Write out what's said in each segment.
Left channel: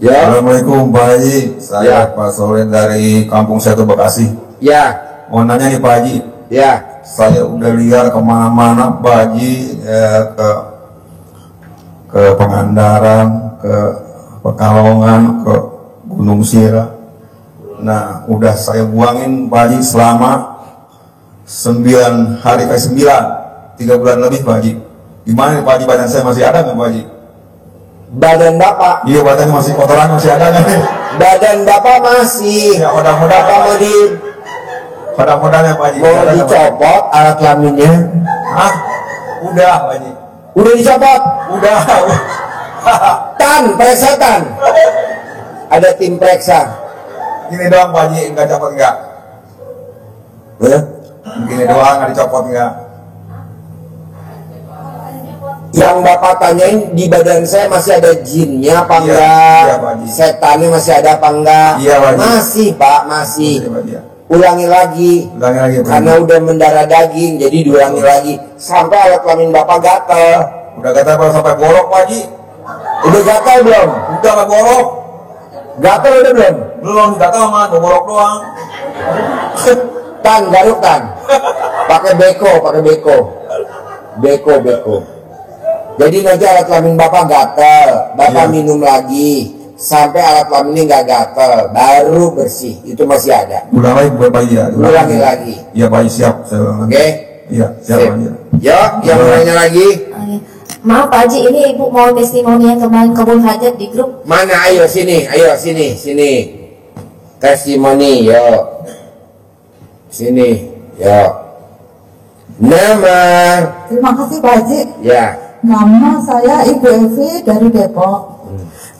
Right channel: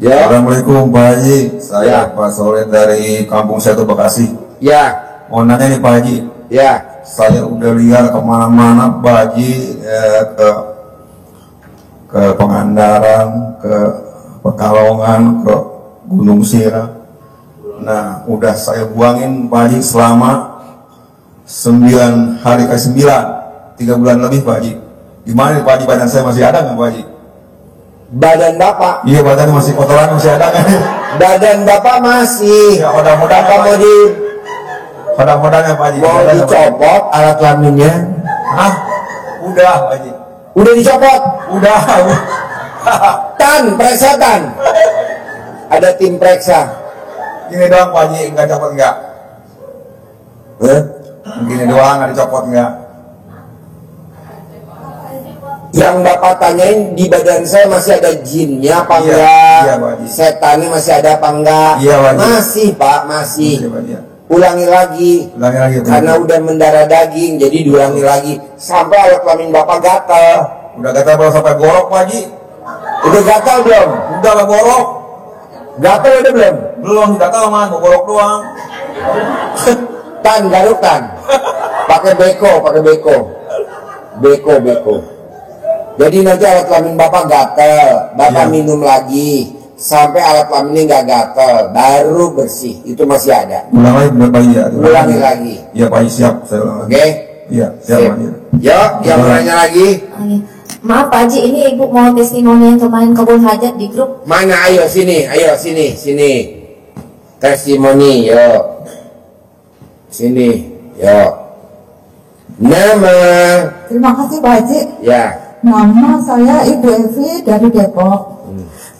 Ya. Assalamualaikum Pak Haji. Saya Pak Solen dari Kampung Setu Bekasi. Ya. Mau nanya nih Pak Haji. Ya. Saya udah liar kemana-mana Pak Haji, ke Pangandaran, ke Pekalongan, ke Gunung Sirah. Nah, udah saya buangin Pak Haji selama 9 hari, 3 bulan lebih Pak Haji. Gimana nih Pak Haji, badan saya masih ada nggak Pak Haji? Badan Bapak? Iya, badannya masih, kotoran masih ada nggak nih? Badan Bapak masih. Ya, mudah-mudahan Bapak mau di Mudah-mudahan Pak Haji. mau dicopot alat kelaminnya? Hah? Udah Pak Haji. Udah dicopot? Udah. Tan, periksa tan. Ada tim periksa. Gini doang Pak Haji, nggak copot nggak? Gini doang, nggak dicopot nggak? Yang Bapak tanyain, di badan saya masih ada jinnya apa Iya, enggak? iya, Pak Haji. Setannya masih ada apa enggak? Iya, Pak Haji. Masih Pak, masih. Iya, Pak Haji. Ulangi lagi. Ulangi lagi Pak Haji. Karena udah mendarah daging, jadi diulangi lagi sampai alat kelamin Bapak gatal. Udah gatal baru sampai borok Pak Haji. Udah gatal belum? Udah lah borok. Gatal udah belum? Belum, gatal mah, borok doang. Tan, garuk tan. Pakai beko. Beko. Jadi nanti alat kelamin Bapak gatal, Bapak Iya. minum lagi sampai alat kelaminnya nggak gatal, baru bersih. Itu masih ada. Ulang lagi buat Pak Haji ya. Ulangi lagi. Iya Pak Haji, siap. Saya ulang lagi. Oke? Iya, siap Pak Haji. Yuk, yang mau nanya lagi. Maaf Pak Haji, ini Ibu mau testimoni yang kemarin kebun hajat di grup. Mana? Ayo sini. Testimoni, yuk. Sini, yuk. Nama. Terima kasih Pak Haji. Ya. Nama saya Ibu Evi dari Depok.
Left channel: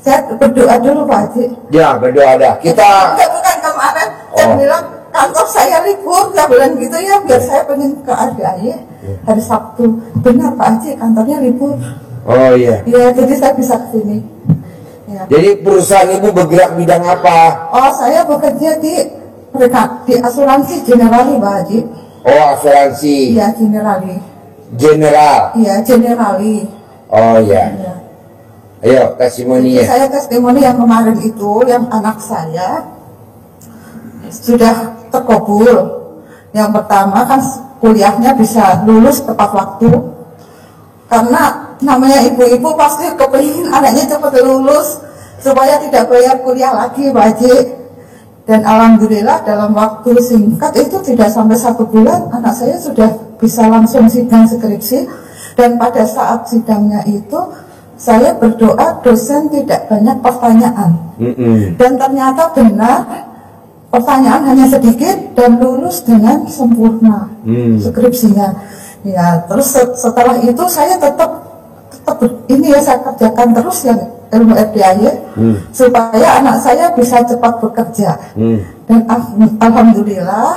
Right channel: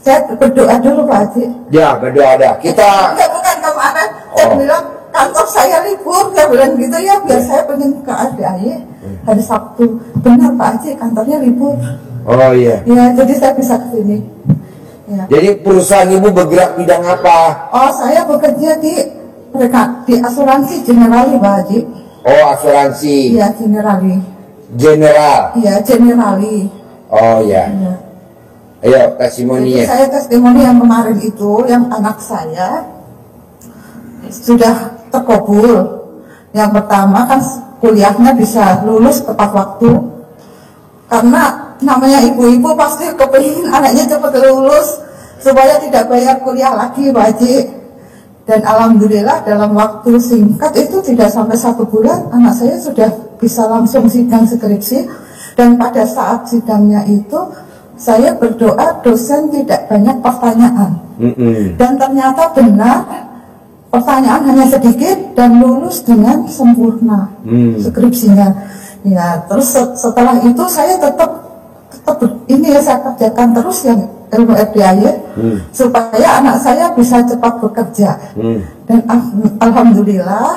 Saya berdoa dulu Pak Haji. Ya, berdoa ada. Kita. Enggak, bukan kemarin. Saya bilang kantor saya libur. Saya bilang gitu ya, biar saya pengen ke ADAY hari Sabtu. Benar Pak Haji, kantornya libur. Oh iya. Ya, jadi saya bisa ke sini. Ya. Jadi perusahaan Ibu bergerak bidang apa? Oh, saya bekerja di asuransi Generali Pak Haji. Oh, asuransi. Iya, Generali. General. Iya, Generali. Oh iya. Ya. Ayo testimoninya. Saya testimoni yang kemarin itu, yang anak saya sudah terkabul. Yang pertama kan kuliahnya bisa lulus tepat waktu. Karena namanya ibu-ibu pasti kepingin anaknya cepat lulus supaya tidak bayar kuliah lagi Pak Haji. Dan alhamdulillah dalam waktu singkat itu tidak sampai 1 bulan anak saya sudah bisa langsung sidang skripsi. Dan pada saat sidangnya itu saya berdoa dosen tidak banyak pertanyaan. Dan ternyata benar, pertanyaan hanya sedikit dan lulus dengan sempurna skripsinya. Ya, terus setelah itu saya tetap ini ya, saya kerjakan terus yang ilmu FDIY supaya anak saya bisa cepat bekerja. Dan alhamdulillah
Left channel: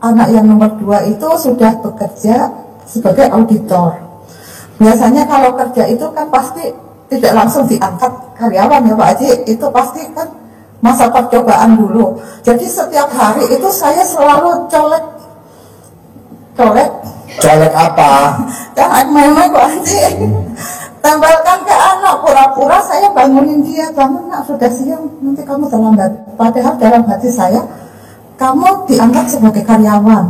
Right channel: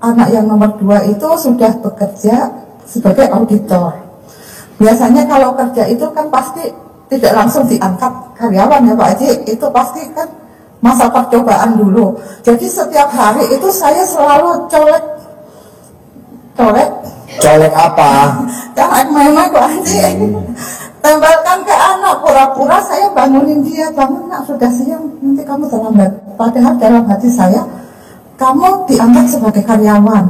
anak yang nomor 2 itu sudah bekerja sebagai auditor. Biasanya kalau kerja itu kan pasti tidak langsung diangkat karyawan ya Pak Haji, itu pasti kan masa percobaan dulu. Jadi setiap hari itu saya selalu colek apa? jangan main-main Pak Haji. Tempelkan ke anak, pura-pura saya bangunin dia, bangun nak, sudah siang, nanti kamu terlambat. Padahal dalam hati saya, kamu diangkat sebagai karyawan,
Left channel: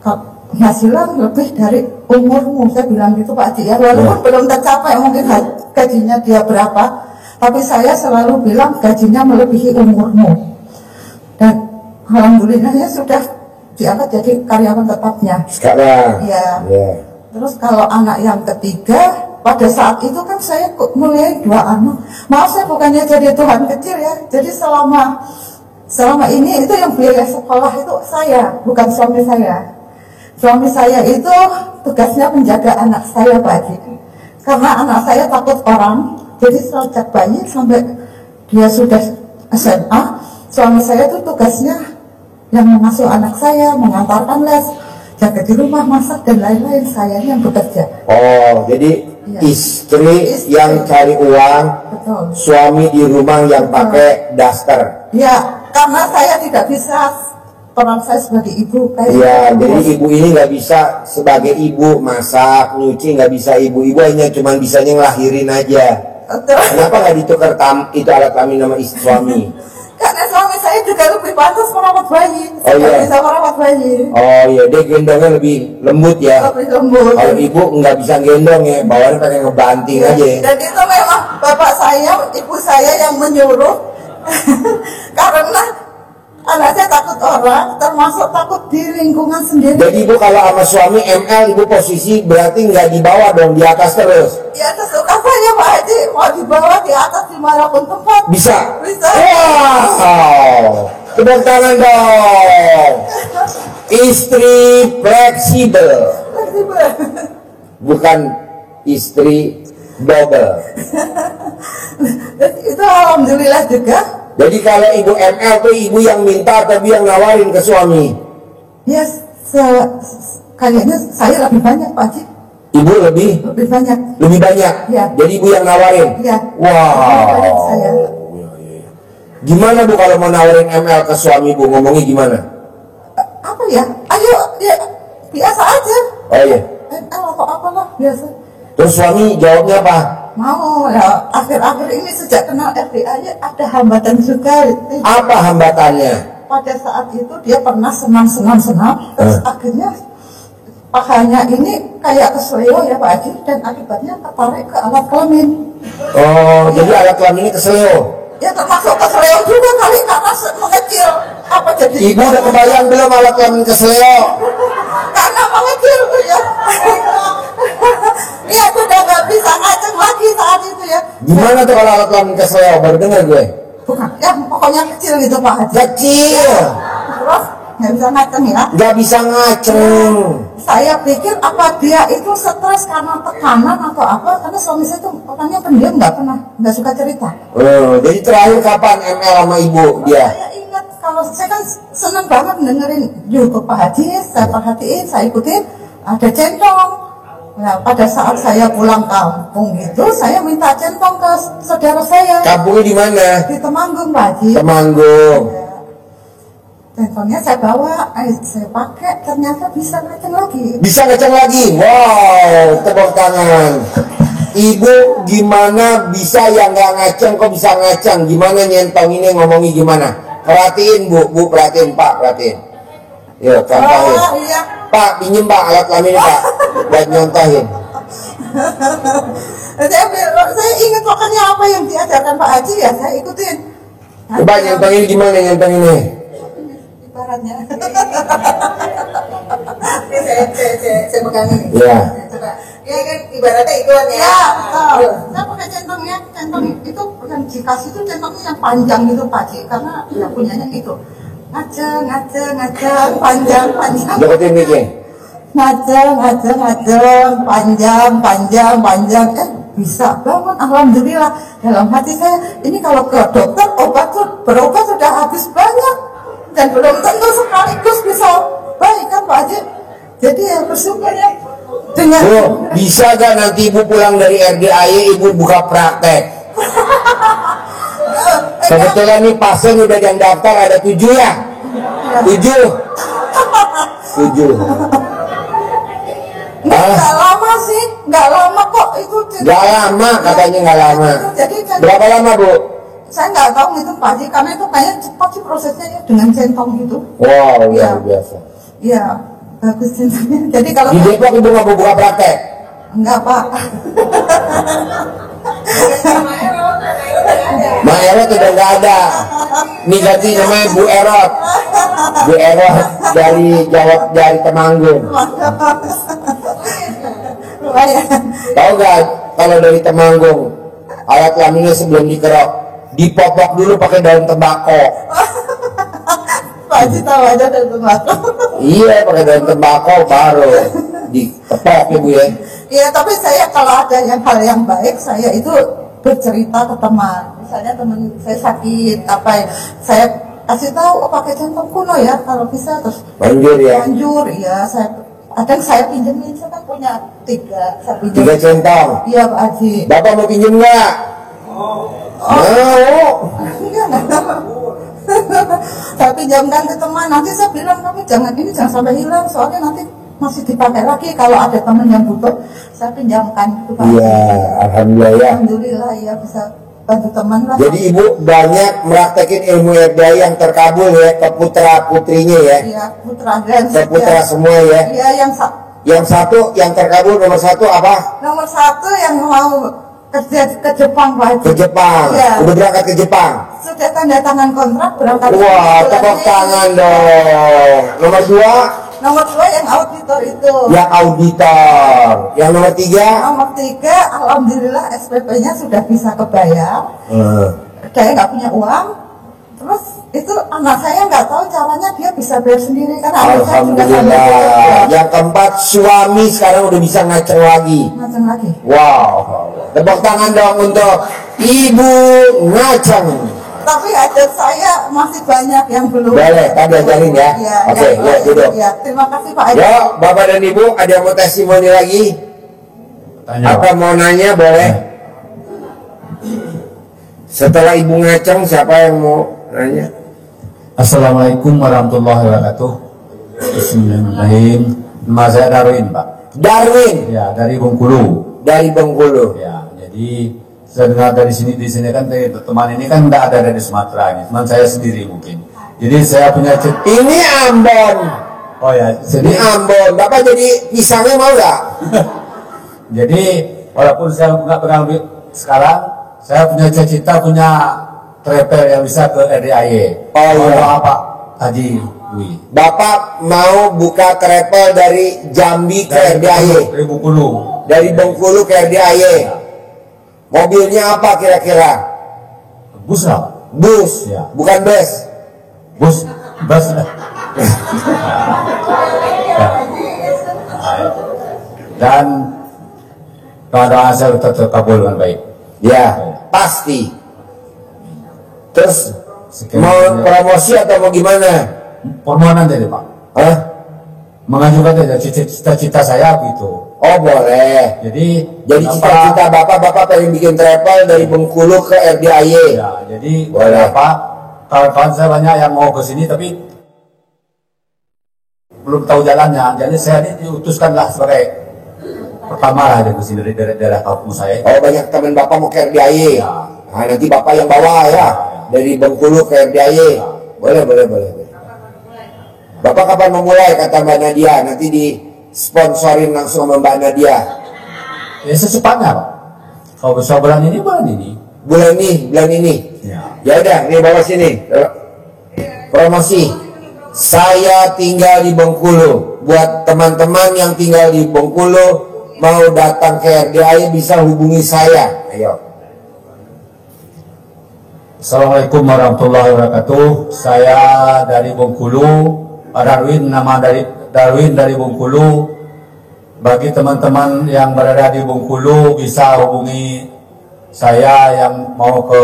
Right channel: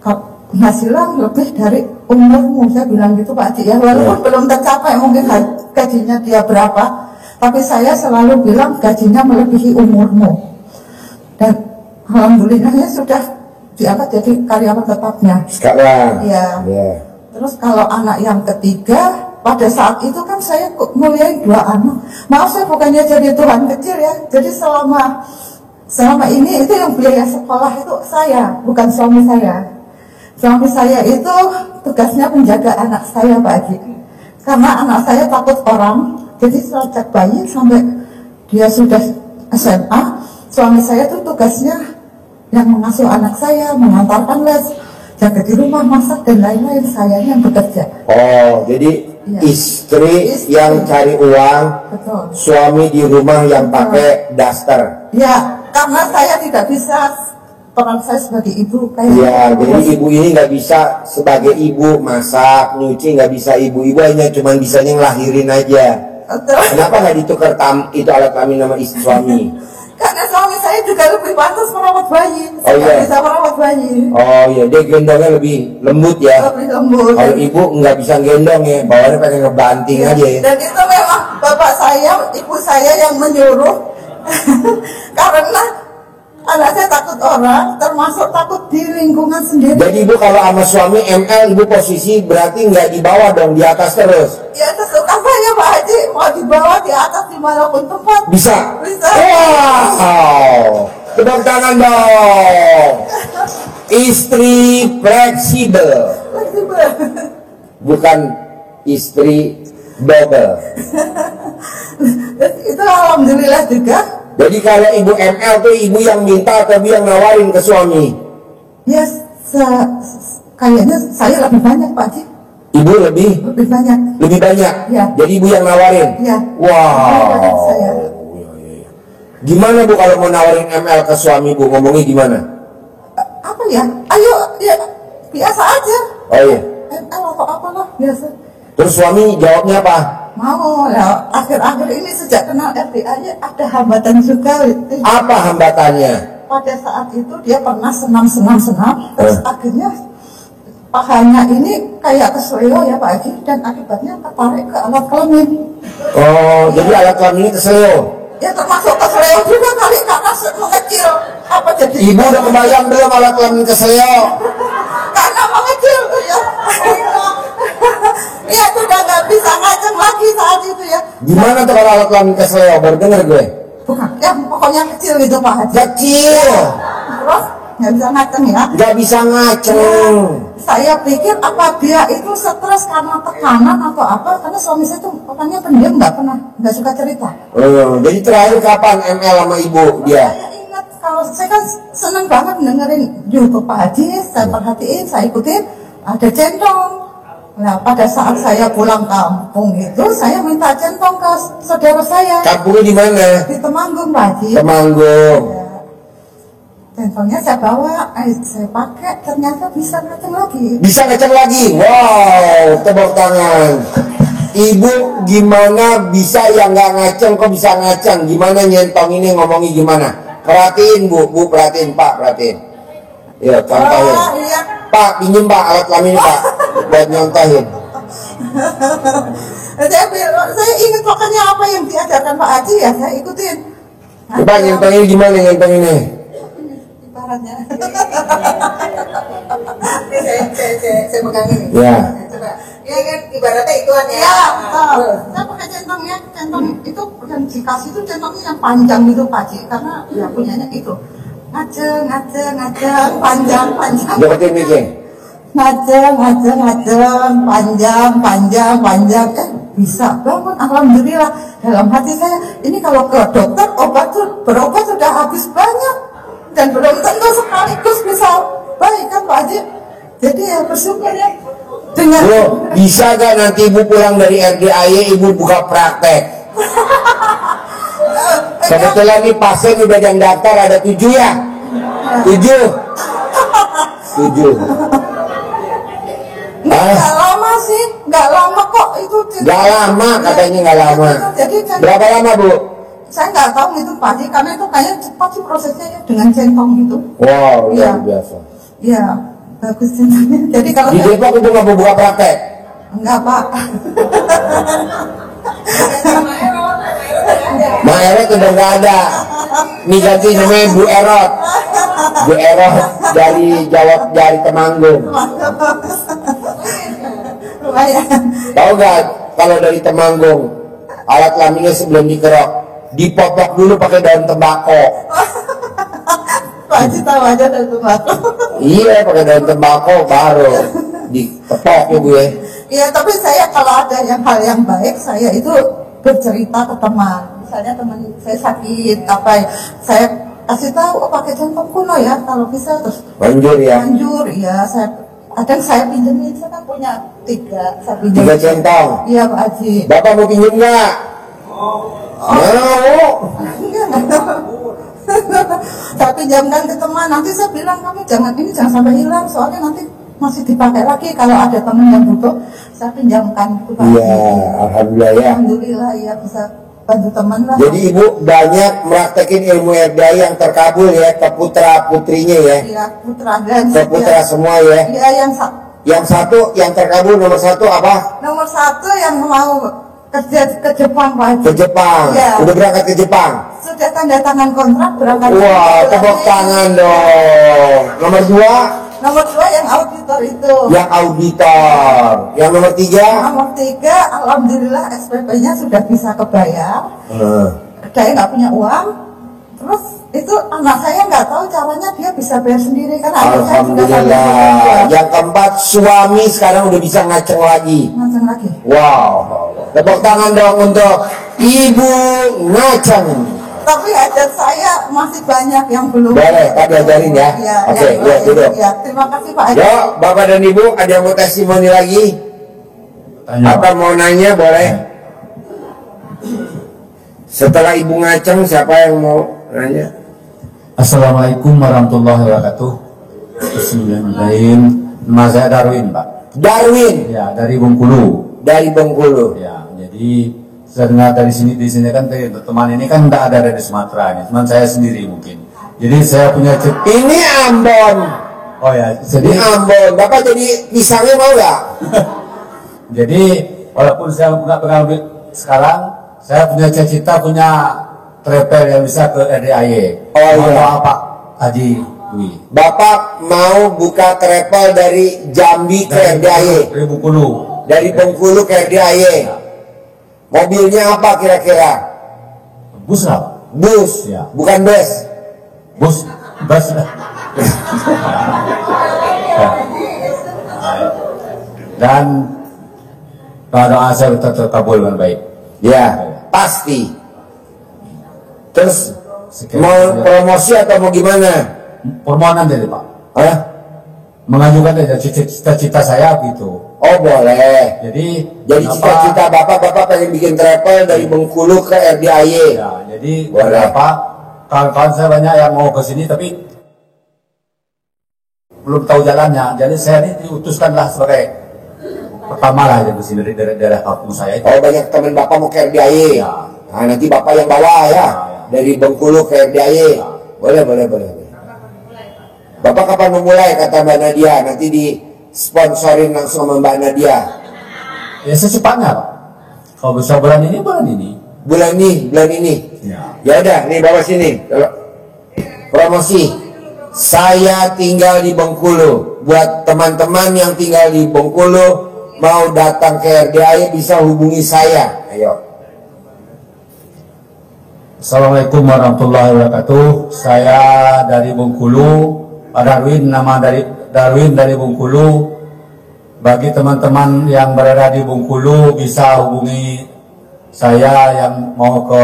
penghasilan lebih dari umurmu, saya bilang gitu Pak Haji ya. Walaupun belum tercapai mungkin gajinya dia berapa, tapi saya selalu bilang gajinya melebihi umurmu. Dan alhamdulillahnya sudah diangkat jadi karyawan tetapnya. Sekarang. Iya. Terus kalau anak yang ketiga, pada saat itu kan saya muliain 2 anak. Maaf, saya bukannya jadi Tuhan kecil ya. Jadi selama ini itu yang biaya sekolah itu saya, bukan suami saya. Suami saya itu tugasnya menjaga anak saya Pak Haji. Karena anak saya takut orang, jadi sejak bayi sampai dia sudah SMA, suami saya itu tugasnya yang mengasuh anak saya, mengantarkan les, jaga di rumah, masak dan lain-lain. Saya yang bekerja. Oh, jadi istri yang cari uang, betul. Suami di rumah yang pakai daster. Ya, karena saya tidak bisa peran saya sebagai ibu kayak. Iya, jadi ibu ini nggak bisa sebagai ibu masak, nyuci, nggak bisa. Ibu-ibu hanya cuman bisanya ngelahirin aja. Kenapa nggak ditukar itu alat kelamin nama istri suami? Karena suami saya juga lebih pantas merawat bayi. Oh iya. Bisa merawat bayi. Oh iya, dia gendongnya lebih lembut ya. Lebih lembut. Kalau ibu nggak bisa gendong ya, bawaannya pengen ngebanting aja. Dan itu memang bapak saya, ibu saya yang menyuruh. Karena anak saya takut orang, termasuk takut di lingkungan sendiri. Jadi ibu kalau sama suami ML, ibu posisi berarti nggak di bawah dong, di atas terus. Ya tersuka saya Pak Haji, mau di bawah, di atas, dimanapun tempat. Bisa? Bisa. Wow, tepuk tangan dong. Istri fleksibel, bukan istri double. Itu alhamdulillah juga. Jadi kalau ibu ML tuh ibu yang minta atau ibu yang nawarin ke suami? Ya kayaknya saya lebih banyak Pak Haji. Ibu lebih Lebih banyak. Ya. Jadi ibu yang nawarin? Ya. Wow. Lebih banyak saya. Gimana bu kalau mau nawarin ML ke suami bu, ngomongnya gimana? Apa ya? Ayo, ya biasa aja. Oh iya. Atau apalah biasa. Terus suami jawabnya apa? Mau lah. Akhir-akhir ini sejak kenal RDA ada hambatan juga. Apa hambatannya? Pada saat itu dia pernah senam. Terus akhirnya pahanya ini kayak keseleo ya Pak Haji, dan akibatnya ketarik ke alat kelamin. Oh, jadi alat kelaminnya keseleo. Ya termasuk keseleo juga kali karena mengecil. Apa jadi? Ibu udah kebayang belum alat kelamin keseleo? Karena mengecil ya. Dia sudah nggak bisa ngaceng lagi saat itu ya. Gimana tuh kalau alat kelamin keseleo? Baru denger gue. Bukan, ya pokoknya kecil gitu Pak Haji. Kecil. Terus nggak bisa ngaceng ya. Nggak bisa ngaceng. Saya pikir apa dia itu stres karena tekanan atau apa, karena suami saya tuh orangnya pendiam, nggak suka cerita. Jadi terakhir kapan ML sama ibu dia? Saya ingat kalau saya kan seneng banget dengerin YouTube Pak Haji, saya perhatiin, saya ikutin, ada centong. Nah pada saat saya pulang kampung itu, saya minta centong ke saudara saya. Kampungnya di mana? Di Temanggung Pak Haji. Temanggung. Centongnya saya bawa, saya pakai, ternyata bisa ngaceng lagi. Bisa ngeceng lagi? Wow, tepuk tangan. Ibu gimana bisa yang nggak ngaceng kok bisa ngaceng? Gimana nyentong ini ngomongnya gimana? Perhatiin bu perhatiin Pak, perhatiin. Yuk contohin. Oh iya. Pak, pinjem Pak alat kelamin Pak, buat nyontohin. Saya ingat pokoknya apa yang diajarkan Pak Haji ya, saya ikutin. Coba nyontongin gimana nyontong ini? Ibaratnya. Saya pegang ini. Ya. Coba. Ya kan ibaratnya ituan ya. Ya, betul. Saya pakai centongnya, centong itu yang dikasih itu centongnya yang panjang gitu Pak Haji, karena ya punyanya itu. Ngaceng, panjang. Deketin miknya. Ngaceng, panjang. Bisa bangun, alhamdulillah. Dalam hati saya, ini kalau ke dokter berobat sudah habis banyak, dan belum tentu sekaligus bisa baik kan Pak Haji. Jadi ya bersyukur ya dengan. Bu, bisa gak nanti ibu pulang dari RDAY ibu buka praktek? Kebetulan nih pasien udah yang daftar ada 7 ya? 7. Nggak lama sih, nggak lama kok itu. Nggak lama katanya, nggak lama. Jadi Berapa lama bu? saya nggak tahu itu Pak Haji, karena itu kayaknya cepat sih prosesnya ya, dengan centong gitu. Wow, Iya. luar biasa. Iya, bagus centongnya. Jadi kalau Di Depok ibu nggak mau buka praktek? enggak Pak. Ma Erot udah nggak ada. Ini ganti namanya Bu Erot. Bu Erot dari Temanggung. Lumayan. Tahu gak kalau dari Temanggung alat kelaminnya sebelum dikerok dipopok dulu pakai daun tembakau. Pak Haji tahu aja dari tembakau. Iya, pakai daun tembakau baru ditepok ya bu ya. Iya, tapi saya kalau ada hal yang baik, saya itu bercerita ke teman. Misalnya teman saya sakit apa, saya kasih tahu, pakai centong kuno ya kalau bisa, terus Manjur ya. Manjur ya, saya pinjemin, saya kan punya 3, saya pinjam. 3 centong. Iya Pak Haji. Bapak mau pinjem nggak? Mau. Saya pinjamkan ke teman, nanti saya bilang kamu jangan sampai hilang, soalnya nanti masih dipakai lagi kalau ada teman yang butuh saya pinjamkan gitu Pak. Iya, alhamdulillah ya. Alhamdulillah ya bisa bantu teman lah. Jadi ibu banyak meraktekin ilmu RDI yang terkabul ya ke putra putrinya ya. Iya putra dan Ke putra semua ya. Iya Yang satu yang terkabul nomor satu apa? nomor satu yang mau kerja ke Jepang Pak Haji. Ke Jepang. Iya. Udah berangkat ke Jepang. Sudah tanda tangan kontrak berangkat. Wah, tepuk tangan dong. Nomor dua Nomor dua yang auditor itu. yang auditor. Yang nomor tiga Nomor tiga, alhamdulillah SPP-nya sudah bisa kebayar. Eh, Saya nggak punya uang. Terus itu anak saya nggak tahu caranya dia bisa bayar sendiri karena anak saya juga sambil alhamdulillah. bekerja. Yang keempat suami sekarang udah bisa ngaceng lagi. Macam lagi. Wow. Tepuk tangan dong untuk Ibu Ngaceng. Tapi hajat saya masih banyak yang belum. Boleh, tadi ajarin ya. Iya, Oke, yang yuk lain. duduk. Iya, terima kasih Pak Haji. Yuk, Bapak dan Ibu, ada yang mau testimoni lagi? Tanya, Atau mau nanya boleh? Setelah Ibu Ngaceng, siapa yang mau nanya? Assalamualaikum warahmatullahi wabarakatuh. Bismillahirrahmanirrahim. Nama saya Darwin, Pak. Darwin Ya, dari Bengkulu. dari Bengkulu. Ya, jadi saya dengar dari sini di sini kan teman ini kan tidak ada dari Sumatera ini, teman saya sendiri mungkin. Jadi saya punya Ini Ambon. oh ya, Ini jadi Ambon. Bapak jadi pisangnya mau nggak? jadi walaupun saya nggak pernah sekarang, saya punya cita-cita punya travel yang bisa ke RDIY. Oh, Mau iya. doa Pak Haji Dwi. Bapak mau buka travel dari Jambi ke RDIY, Dari Bengkulu. dari Bengkulu ke RDIY. Mobilnya apa kira-kira? Bus lah, Pak. Bus, Ya. bukan bus. Bus. Dan doa saya terkabul dengan baik. Ya, pasti. Terus Sekian. mau promosi atau mau gimana? Permohonan dari Pak, Hah? mengajukan aja cita-cita saya gitu. Oh boleh. Jadi Jadi cita-cita bapak pengen bikin travel dari Bengkulu ke RDIY. ya, jadi Boleh. beberapa kawan-kawan saya banyak yang mau ke sini tapi belum tahu jalannya. Jadi saya ini diutuskanlah sebagai pertama lah dari sini dari daerah kampung saya itu. Oh banyak teman bapak mau ke RDIY. Ya. Nah nanti bapak yang bawa ya. Dari Bengkulu ke RDIY. Boleh. Bapak kapan memulai kata Mbak Nadia? Nanti disponsorin langsung sama Mbak Nadia. Ya secepatnya Pak. Kalau bisa bulan ini. Bulan ini. Ya. Ya udah, nih bawa sini. Kalau promosi. Saya tinggal di Bengkulu. Buat teman-teman yang tinggal di Bengkulu mau datang ke RDIY bisa hubungi saya. Ayo. Assalamualaikum warahmatullahi wabarakatuh. Saya dari Bengkulu, Pak Darwin, nama dari Darwin dari Bengkulu. Bagi teman-teman yang berada di Bengkulu bisa hubungi saya yang mau ke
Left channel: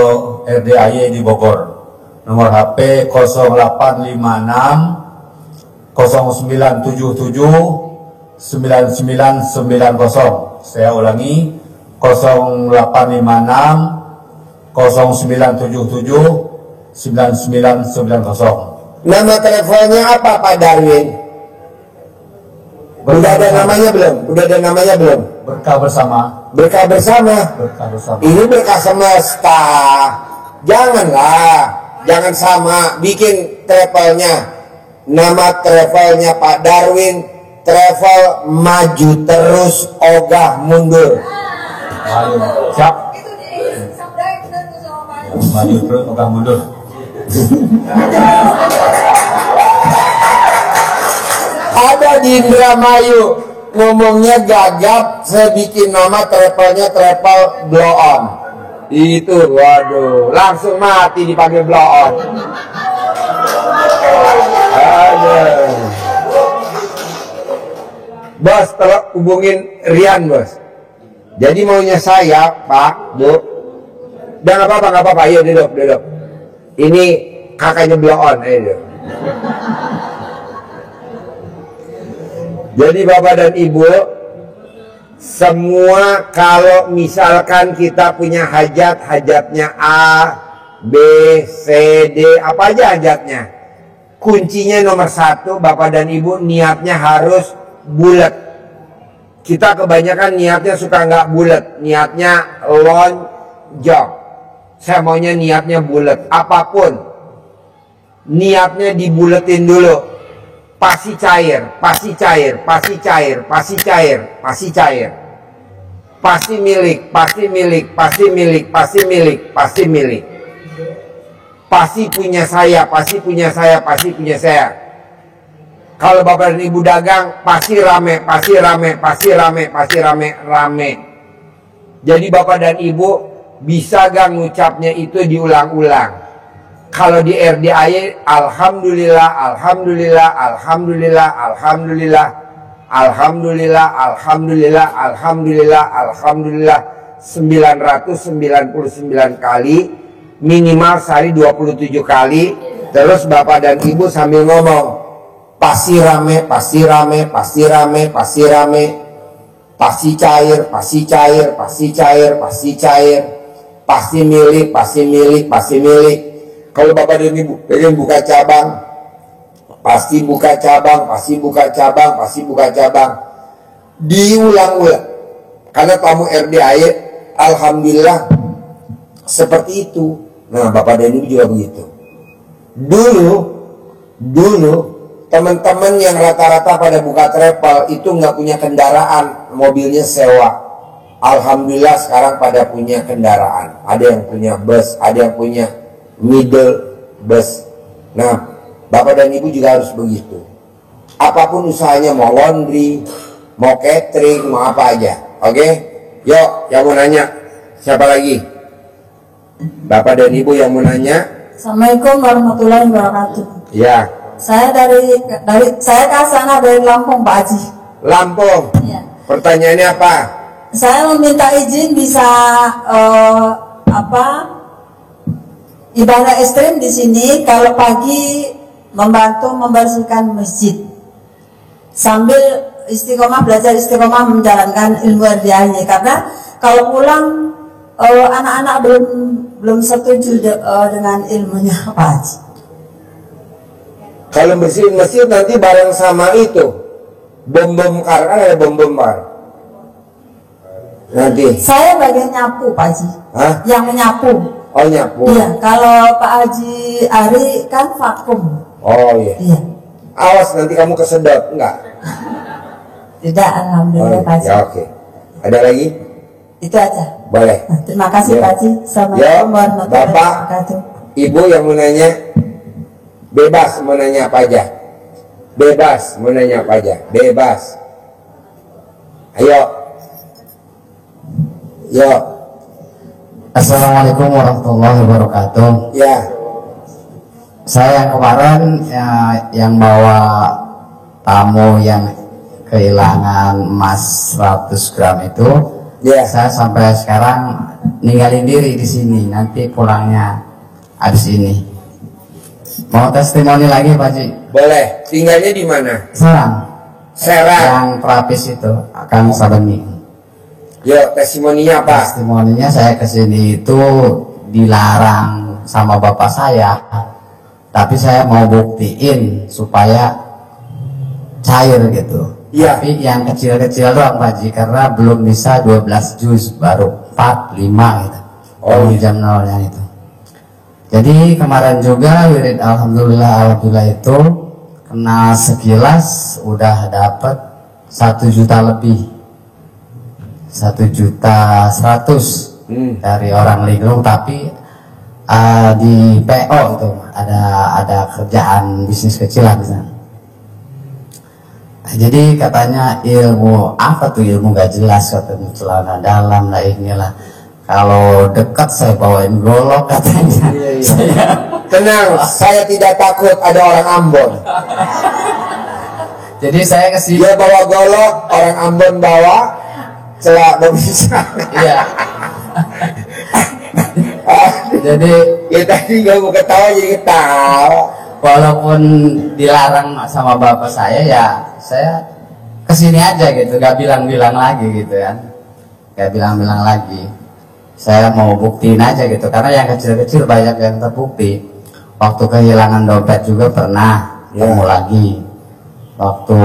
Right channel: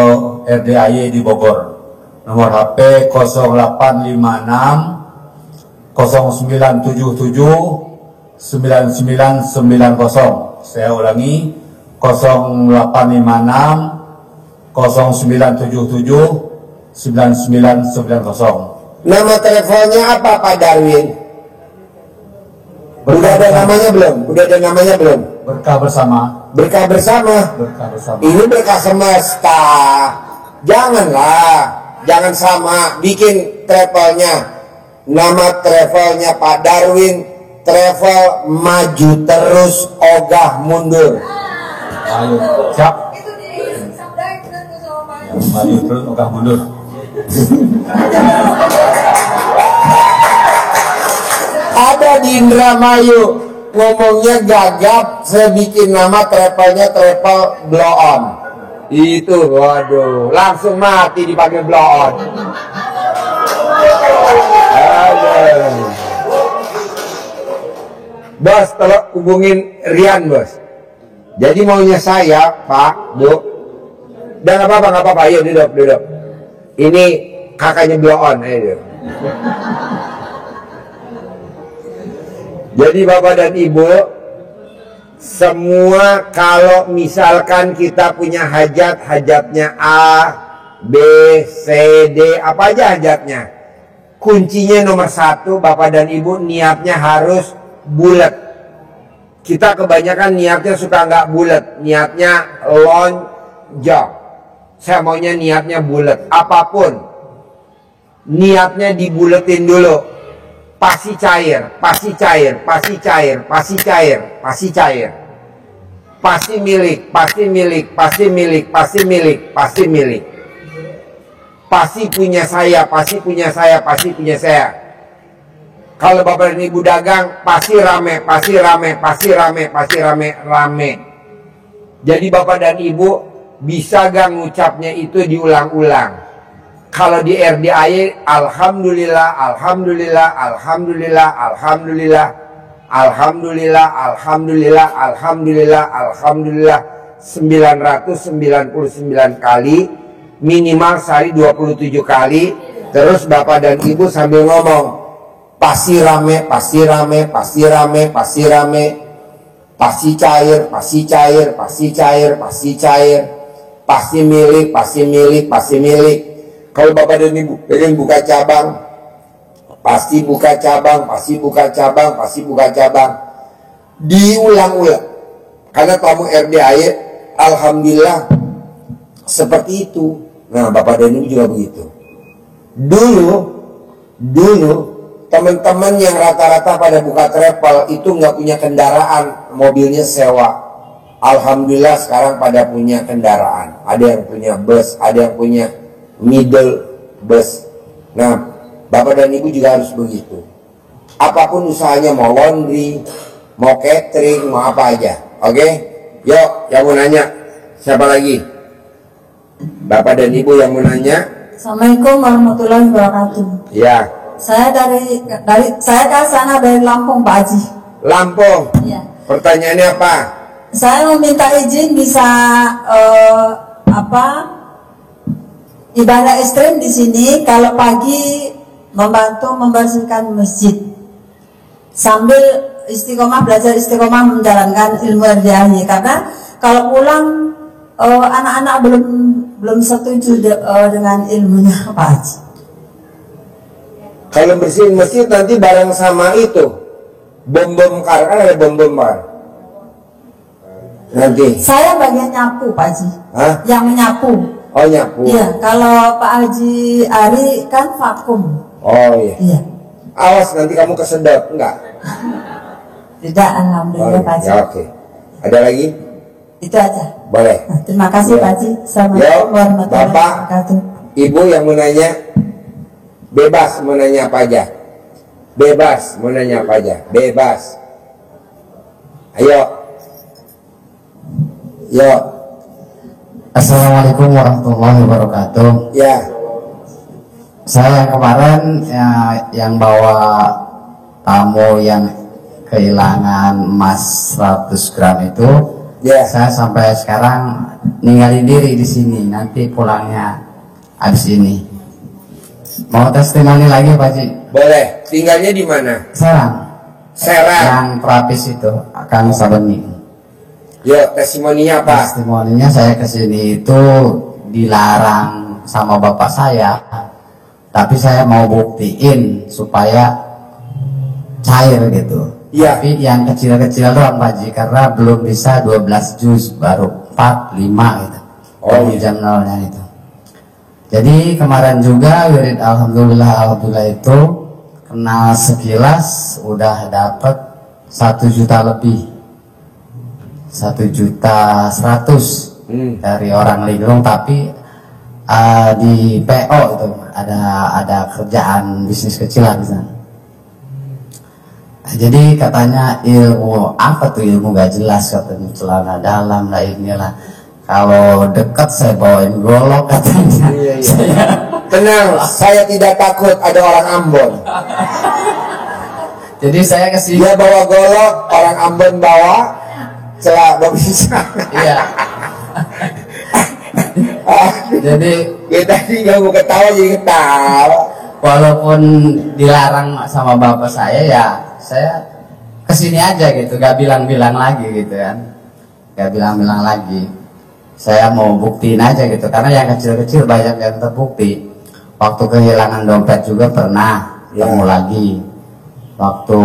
RDIY di Bogor. Nomor HP 0856 0977 9990. Saya ulangi 0856 0977 9990. Nama travelnya apa Pak Darwin? Udah ada namanya belum? Berkah bersama. Berkah bersama. Ini berkah semesta. Jangan sama. Bikin travelnya. Nama travelnya Pak Darwin. Travel maju terus, ogah mundur. Ayo, siap. Itu di sabda itu sama Pak Ya, maju terus, ogah mundur. Ada di Indramayu ngomongnya gagap, saya bikin nama travelnya travel blow on. Itu, waduh, langsung mati dipanggil blow on. Aduh. Bos, tolong hubungin Rian, bos. Jadi maunya saya, Pak, Bu. Udah nggak apa-apa, ayo duduk. Ini kakaknya blow on, ayo duduk. Jadi Bapak dan Ibu, semua kalau misalkan kita punya hajatnya A, B, C, D, apa aja hajatnya. Kuncinya nomor 1, Bapak dan Ibu niatnya harus bulat. Kita kebanyakan niatnya suka nggak bulat, niatnya lonjong. Saya maunya niatnya bulat. Apapun, niatnya dibuletin dulu. Pasti cair, pasti cair, pasti cair, pasti cair, pasti cair. Pasti milik, pasti milik, pasti milik, pasti milik, pasti milik. Pasti punya saya, pasti punya saya, pasti punya saya. Kalau bapak dan ibu dagang, pasti rame, pasti rame, pasti rame, pasti rame, rame. Jadi bapak dan ibu bisa gak ngucapnya itu diulang-ulang? Kalau di RDAY, alhamdulillah, alhamdulillah, alhamdulillah, alhamdulillah, alhamdulillah, alhamdulillah, alhamdulillah, alhamdulillah, 999 kali, minimal sehari 27 kali. Terus bapak dan ibu sambil ngomong, pasti rame, pasti rame, pasti rame, pasti rame, pasti cair, pasti cair, pasti cair, pasti cair, pasti milik, pasti milik, pasti milik. Kalau bapak dan ibu pengen buka cabang, pasti buka cabang, pasti buka cabang, pasti buka cabang. Diulang-ulang. Karena tamu RDAY, alhamdulillah seperti itu. Nah, bapak dan ibu juga begitu. Dulu teman-teman yang rata-rata pada buka travel itu nggak punya kendaraan, mobilnya sewa. Alhamdulillah sekarang pada punya kendaraan. Ada yang punya bus, ada yang punya middle bus. Nah, bapak dan ibu juga harus begitu. Apapun usahanya, mau laundry, mau catering, mau apa aja. Oke? Yuk, yang mau nanya siapa lagi? Bapak dan ibu yang mau nanya? Assalamualaikum warahmatullahi wabarakatuh. Ya. Saya saya Kasana dari Lampung, Pak Haji. Lampung. Ya. Pertanyaannya apa? Saya meminta izin bisa ibadah ekstrim di sini. Kalau pagi membantu membersihkan masjid sambil istiqomah, belajar istiqomah menjalankan ilmu RDAY. Karena kalau pulang anak-anak belum setuju dengan ilmunya, Pak Haji. Kalau bersihin masjid nanti bareng sama itu bom kar, kan ada bom bar. Nanti Saya bagian nyapu, Pak Haji. Hah? Yang menyapu. Oh, nyapu. Iya, kalau Pak Haji Ari kan vakum. Oh iya. Iya. Awas nanti kamu kesedot, enggak? Tidak, alhamdulillah, Pak Haji. Ya oke. Ada lagi? Itu aja. Boleh. Nah, terima kasih, Ya. Pak Haji. Ya, Assalamualaikum warahmatullahi Bapak, wabarakatuh. Ibu yang mau nanya, bebas mau nanya apa aja. Bebas mau nanya apa aja. Bebas. Ayo. Yo. Assalamualaikum warahmatullahi wabarakatuh. Ya. Saya yang kemarin yang bawa tamu yang kehilangan emas 100 gram itu, Ya. saya sampai sekarang ninggalin diri di sini. Nanti pulangnya habis ini. Mau testimoni lagi, Pak Ji? Boleh. Tinggalnya di mana? Serang. Serang. Yang terapis itu, Kang Sabeni. Yo, testimoninya apa? Testimoninya saya kesini itu dilarang sama bapak saya, tapi saya mau buktiin supaya cair gitu. Iya. Tapi yang kecil-kecil doang, Pak Ji, karena belum bisa 12 juz, baru 4, 5 gitu. Oh, Baru iya. jam nolnya itu. Jadi kemarin juga wirid alhamdulillah itu kenal sekilas udah dapat 1 juta lebih. 1.100.000 dari orang linglung, tapi di PO itu ada kerjaan bisnis kecil lah misalnya. Jadi katanya ilmu apa tuh, ilmu gak jelas, katanya celana dalam lah inilah. Kalau dekat saya bawain golok katanya. Iya, iya. Saya Tenang, saya tidak takut ada orang Ambon. jadi saya kesini. Dia bawa golok, orang Ambon bawa celak bisa. Iya. Jadi Kita tinggal mau ketawa jadi ketawa. walaupun dilarang sama bapak saya, ya saya kesini aja gitu, gak bilang-bilang lagi gitu kan, gak bilang-bilang lagi. Saya mau buktiin aja gitu, karena yang kecil-kecil banyak yang terbukti. Waktu kehilangan dompet juga pernah Ya. ketemu lagi. Waktu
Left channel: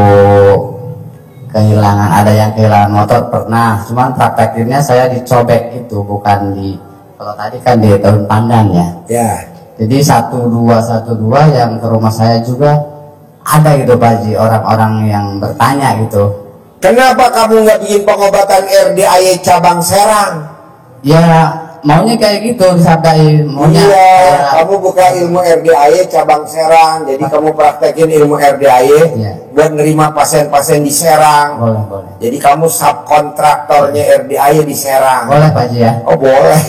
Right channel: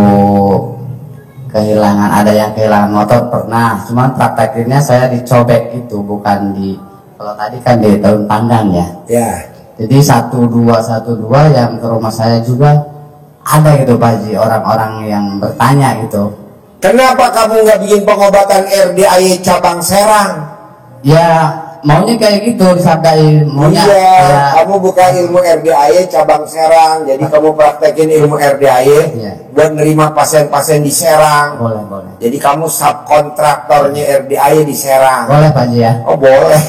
kehilangan, ada yang kehilangan motor pernah, cuman praktekinnya saya dicobek itu, bukan di, kalau tadi kan di daun pandan ya. Ya. Jadi 1212 yang ke rumah saya juga ada gitu Pak Haji, orang-orang yang bertanya gitu. Kenapa kamu nggak bikin pengobatan RDAY cabang Serang? Ya maunya kayak gitu disabdain, maunya Iya, kayak, kamu buka ilmu RDAY cabang Serang, jadi kamu praktekin ilmu RDAY Iya. buat nerima pasien-pasien di Serang. boleh. Jadi kamu subkontraktornya RDAY di Serang. Boleh Pak Haji ya. Oh boleh.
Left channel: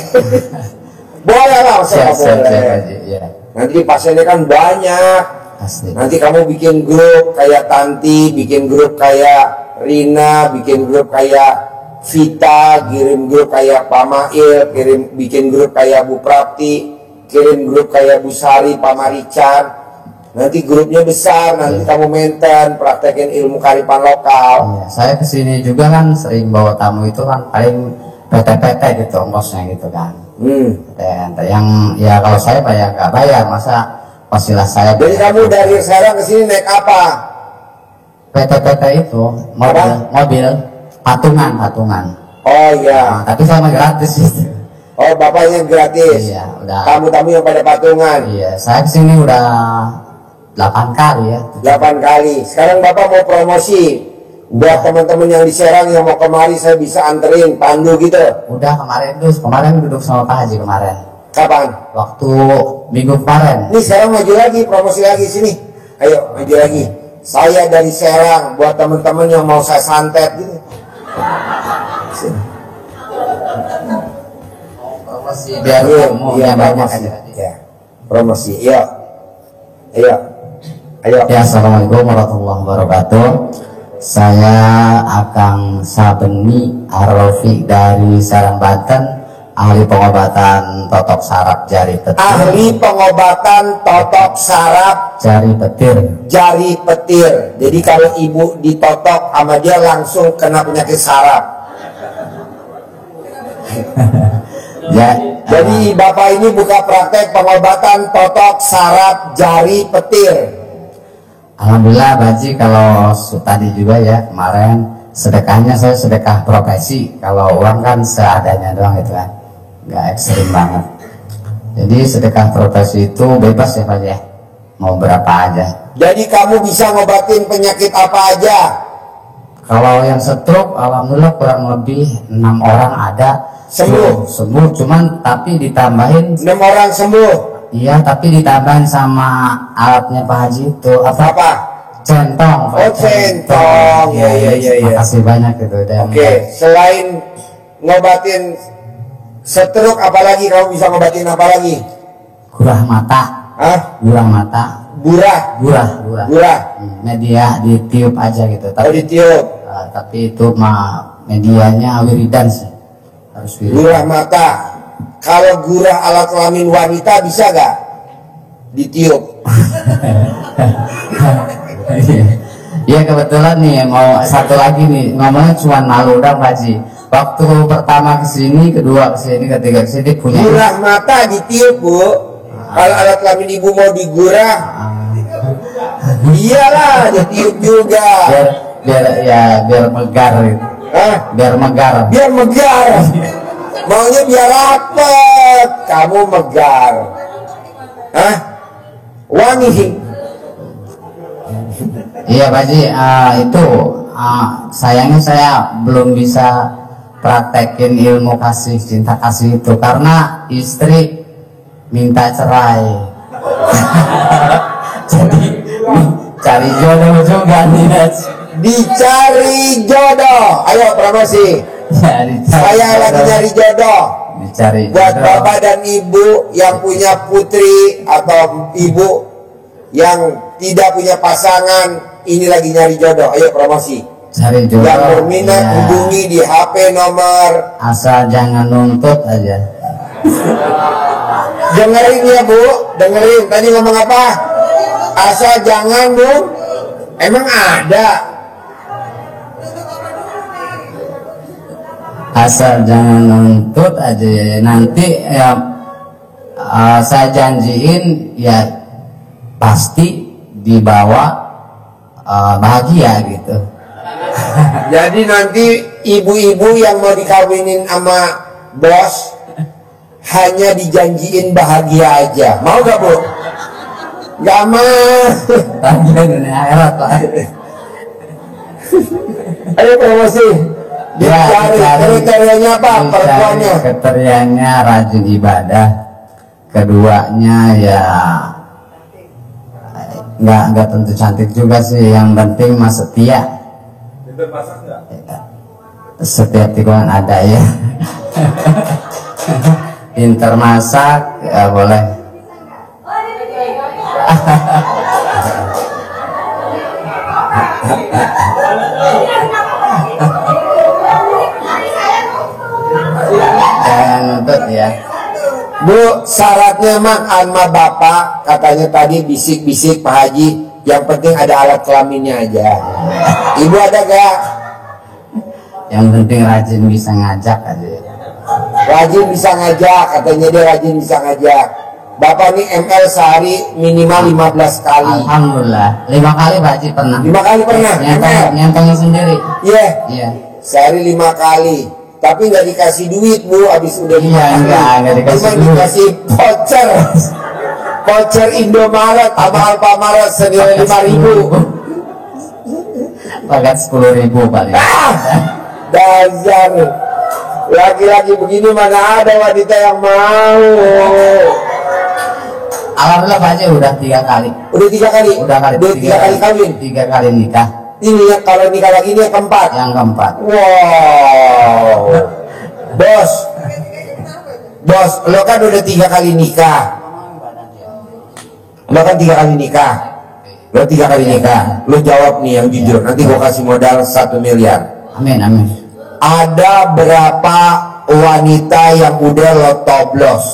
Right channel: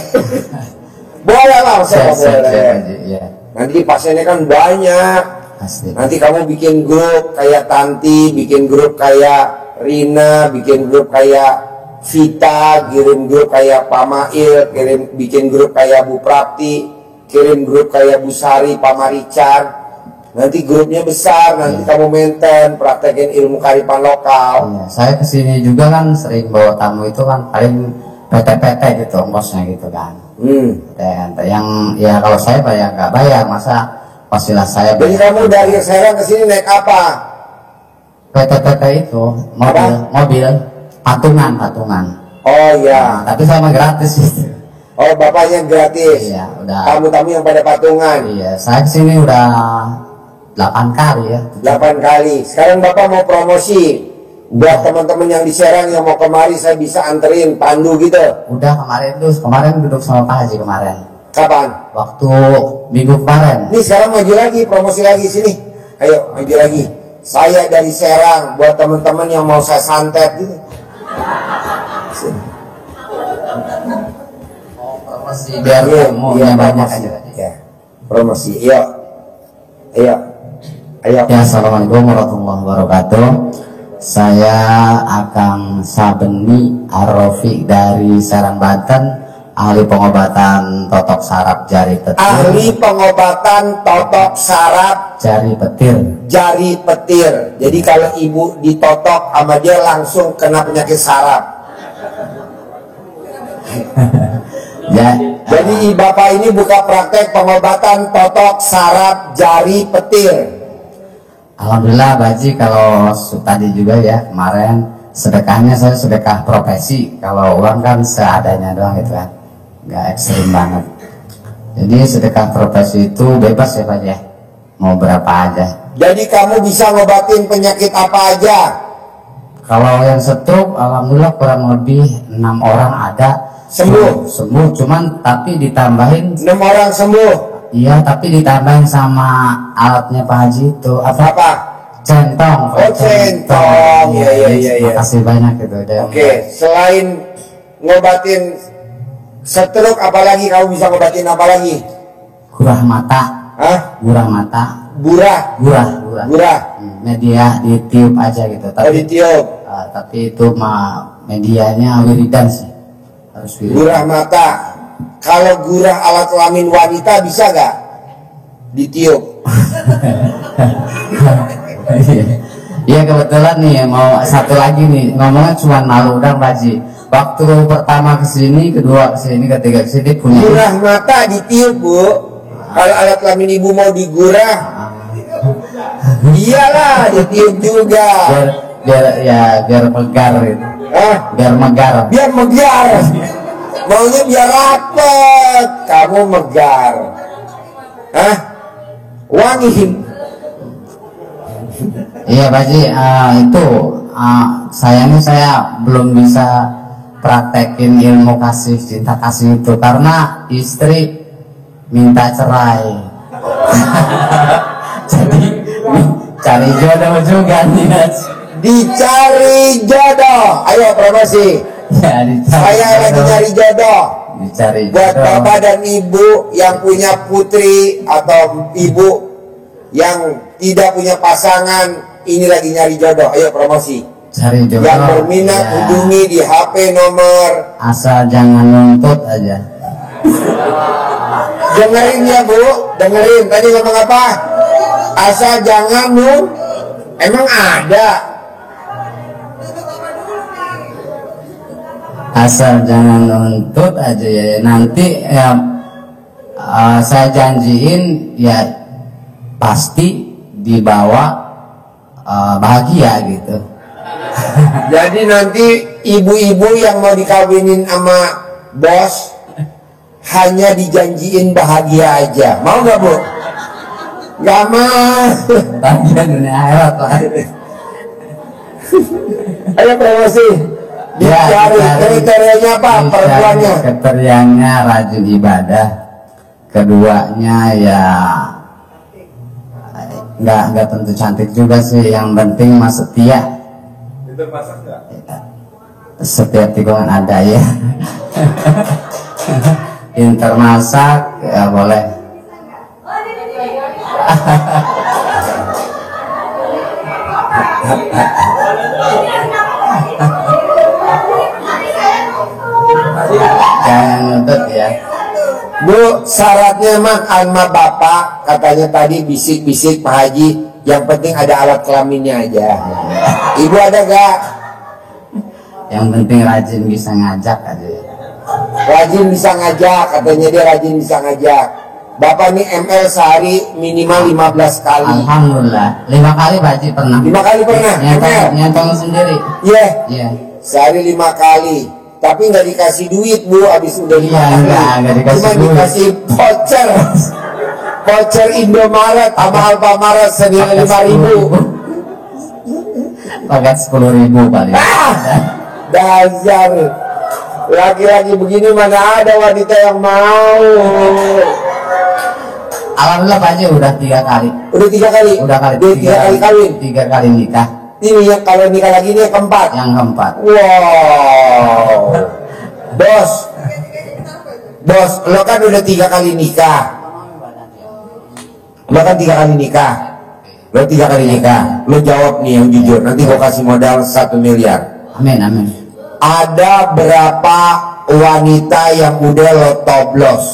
Boleh lah, masa nggak Siap boleh. Pak Haji, ya. Nanti pasiennya kan banyak. Asli. Nanti kamu bikin grup kayak Tanti, bikin grup kayak Rina, bikin grup kayak Vita, kirim grup kayak Pak Mail, bikin grup kayak Bu Prapti, kirim grup kayak Bu Sari, Pak Marican. Nanti grupnya besar, nanti kamu maintain, praktekin ilmu kearifan lokal. Iya, saya kesini juga kan sering bawa tamu itu kan paling PT-PT gitu ongkosnya gitu kan. PT yang ya kalau saya bayar nggak bayar, masa pastilah saya Jadi bayar. kamu dari Serang ke sini naik apa? PT-PT itu mobil patungan. Oh Nah, iya. tapi saya mah gratis gitu. Oh bapaknya gratis. Iya, udah. Tamu-tamu yang pada patungan. Iya, saya kesini udah 8 kali ya. 8 kali. Sekarang bapak mau promosi buat teman-teman yang di Serang yang mau kemari, saya bisa anterin pandu gitu. Udah kemarin duduk sama Pak Haji kemarin. Kapan? Waktu minggu kemarin. Ini sekarang maju lagi, promosi lagi sini. Ayo maju lagi. Saya dari Serang buat teman-teman yang mau saya santet gitu. Sini. Promosi biar Iya, tamunya banyak promosi. aja. Ya. Promosi. Ayo. Ya, assalamualaikum warahmatullahi wabarakatuh. Saya Akang Sabeni Ar-Rafiq dari Serang, Banten, ahli pengobatan totok saraf jari petir. Ahli pengobatan totok saraf Jari petir. jari petir. Jadi kalau ibu ditotok sama dia langsung kena penyakit saraf. Ya, Jadi bapak ini buka praktek pengobatan totok saraf jari petir. alhamdulillah Baji, kalau tadi juga ya kemarin sedekahnya saya sedekah profesi. Kalau uang kan seadanya doang gitu kan, nggak ekstrim banget. Jadi sedekah profesi itu bebas ya Pak ya, mau berapa aja. Jadi kamu bisa ngobatin penyakit apa aja. Kalau yang stroke alhamdulillah kurang lebih 6 orang ada Sembuh. sembuh, cuman tapi ditambahin, 6 orang sembuh. iya tapi ditambahin sama alatnya Pak Haji itu Apa? centong. Oh, centong. Iya. Makasih banyak gitu. Dan Oke, selain ngobatin stroke, apalagi kamu bisa ngobatin apa lagi? gurah mata, Hah? gurah mata, Gurah. gurah. Media ditiup aja gitu. Oh, ditiup. Tapi itu mah medianya wiridan sih. Harus wiridan. Gurah mata. Kalau gurah alat kelamin wanita bisa gak ditiup? Iya kebetulan nih mau satu lagi nih, ngomongnya cuma malu udah Pak Haji. Waktu pertama kesini, kedua kesini, ketiga kesini punya. Gurah mata ditiup, Bu. Kalau alat kelamin ibu mau digurah, iyalah ditiup juga. biar megar gitu. Hah? Biar megar. Biar megar. Maunya biar rapet. Kamu megar. Hah? Wangi. Iya Pak Haji, itu sayangnya saya belum bisa praktekin ilmu kasih cinta kasih itu karena istri minta cerai. Jadi cari jodoh juga nih. Dicari jodoh. Ayo promosi. Ya, dicari Saya lagi jodoh. nyari jodoh. Dicari Buat jodoh. bapak dan ibu yang punya putri atau ibu yang tidak punya pasangan, ini lagi nyari jodoh. Ayo promosi. Cari jodoh. Yang berminat ya, hubungi di HP nomor. asal jangan nuntut aja. Dengerin ya Bu, dengerin. Tadi ngomong apa? Asal jangan Bu. Emang ada. Asal jangan nuntut aja ya. Nanti ya, saya janjiin ya pasti dibawa bahagia gitu. Jadi nanti ibu-ibu yang mau dikawinin sama bos hanya dijanjiin bahagia aja. Mau gak, Bu? Gak mau. Bahagia dunia akhirat, Pak. Ayo promosi. Dicari kriterianya apa? Perempuannya. Kriterianya rajin ibadah. Keduanya ya nggak tentu cantik juga sih. Yang penting mah setia. Setiap tikungan ada ya. Pinter masak ya boleh. Jangan nuntut ya. Bu, syaratnya mah sama bapak katanya tadi bisik-bisik Pak Haji. Yang penting ada alat kelaminnya aja. Ibu ada gak? Yang penting rajin bisa ngajak aja. Rajin bisa ngajak, katanya dia rajin bisa ngajak. Bapak nih ML sehari minimal 15 kali. Alhamdulillah 5 kali Pak Haji pernah. 5 kali pernah? ML? Nyentong sendiri. Iya. Iya. Sehari 5 kali. Tapi nggak dikasih duit, Bu, abis udah 5 Iya, kali. nggak dikasih Cuma duit. dikasih voucher. Voucher Indomaret sama Alfamaret senilai 5.000. Paket 10.000 paling. Dasar laki-laki begini mana ada wanita yang mau. Alhamdulillah Pak Haji udah 3 kali. Udah 3 kali. Udah kali. Dia 3 kali kawin. 3 kali nikah. Ini yang kalau nikah lagi ini yang keempat. Yang keempat. Wow. Bos. Bos, lo kan udah 3 kali nikah. Lo kan 3 kali nikah. Lo 3 kali nikah. Lo jawab nih yang jujur. Nanti gua kasih modal 1 miliar. Amin amin. Ada berapa wanita yang udah lo toblos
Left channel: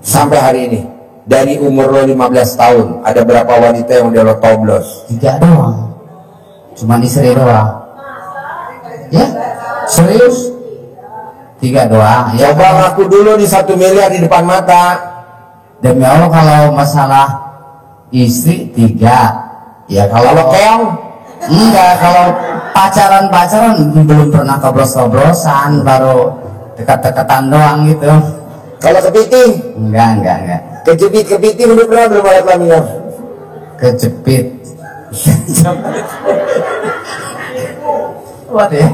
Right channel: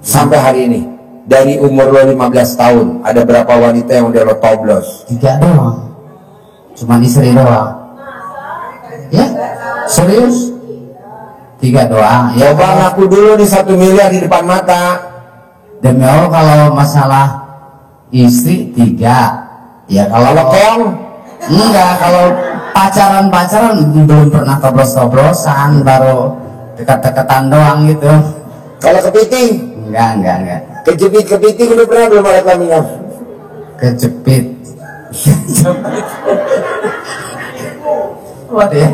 sampai hari ini? Dari umur lo 15 tahun, ada berapa wanita yang udah lo toblos? 3 doang. Cuman istri doang. Ya? Serius? 3 doang. Ya, Coba ngaku dulu nih 1 miliar di depan mata. demi Allah kalau masalah istri 3. Ya Kalau kalau keong, enggak, kalau pacaran belum pernah toblos-toblosan, baru dekat-dekatan doang gitu. kalau kepiting, Enggak. kejepit kepiting udah pernah belum alat kelaminnya? Kejepit. What ya?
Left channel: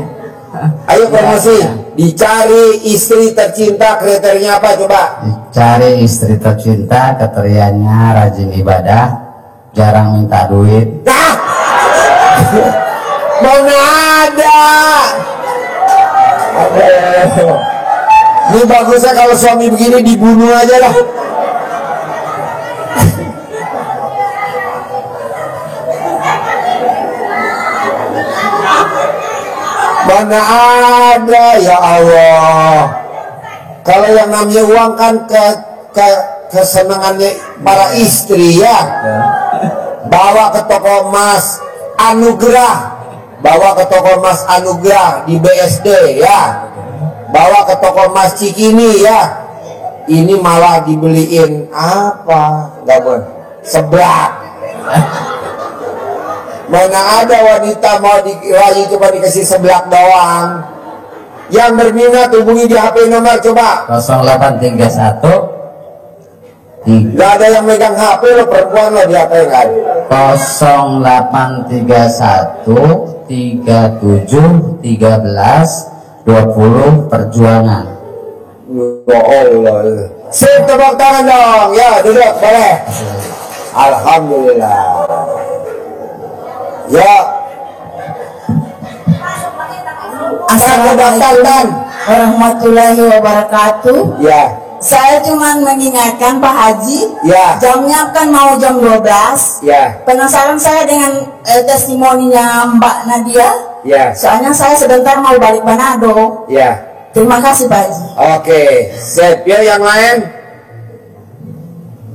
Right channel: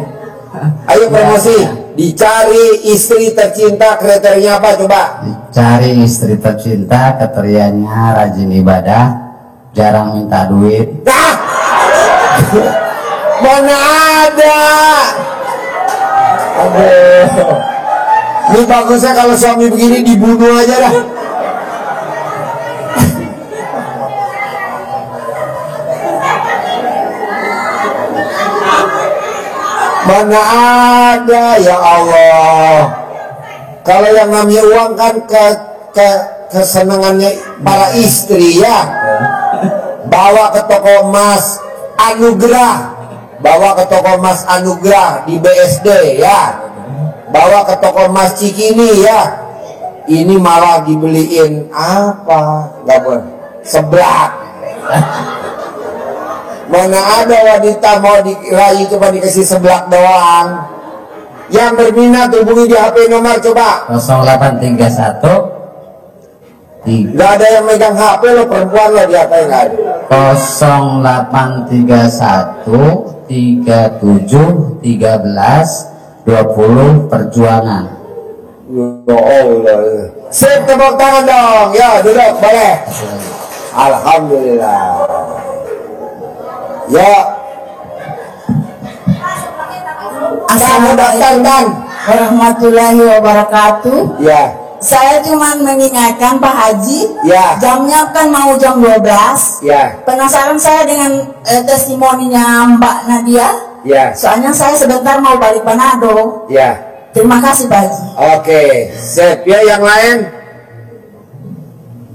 Ayo promosi, dicari istri tercinta kriterianya apa coba? Cari istri tercinta, kriterianya rajin ibadah, jarang minta duit. Nah, mana ada? Aduh, ini bagusnya kalau suami begini dibunuh aja lah. Mana ada, ya Allah. Kalau yang namanya uang kan kesenangannya para istri ya. Bawa ke toko emas Anugerah, bawa ke toko emas Anugerah di BSD ya. Bawa ke toko emas Cikini ya. Ini malah dibeliin apa? Gak boleh. Seblak. Mana ada wanita mau dirayu coba dikasih seblak doang. Yang berminat hubungi di HP nomor coba. 0831 Gak ada yang megang HP lo, perempuan lo di HP kan. 0831 37 13 20 perjuangan. Ya Allah. Sip, tepuk tangan dong. Ya, duduk boleh. Alhamdulillah. Ya. Kamu datang dan. warahmatullahi wabarakatuh. Ya. Saya cuma mengingatkan Pak Haji, Ya. jamnya kan mau jam 12. Ya. Penasaran saya dengan testimoninya Mbak Nadia. Ya. Soalnya saya sebentar mau balik Manado. Ya. Terima kasih Pak Haji. Oke, sip. Ya, yang lain.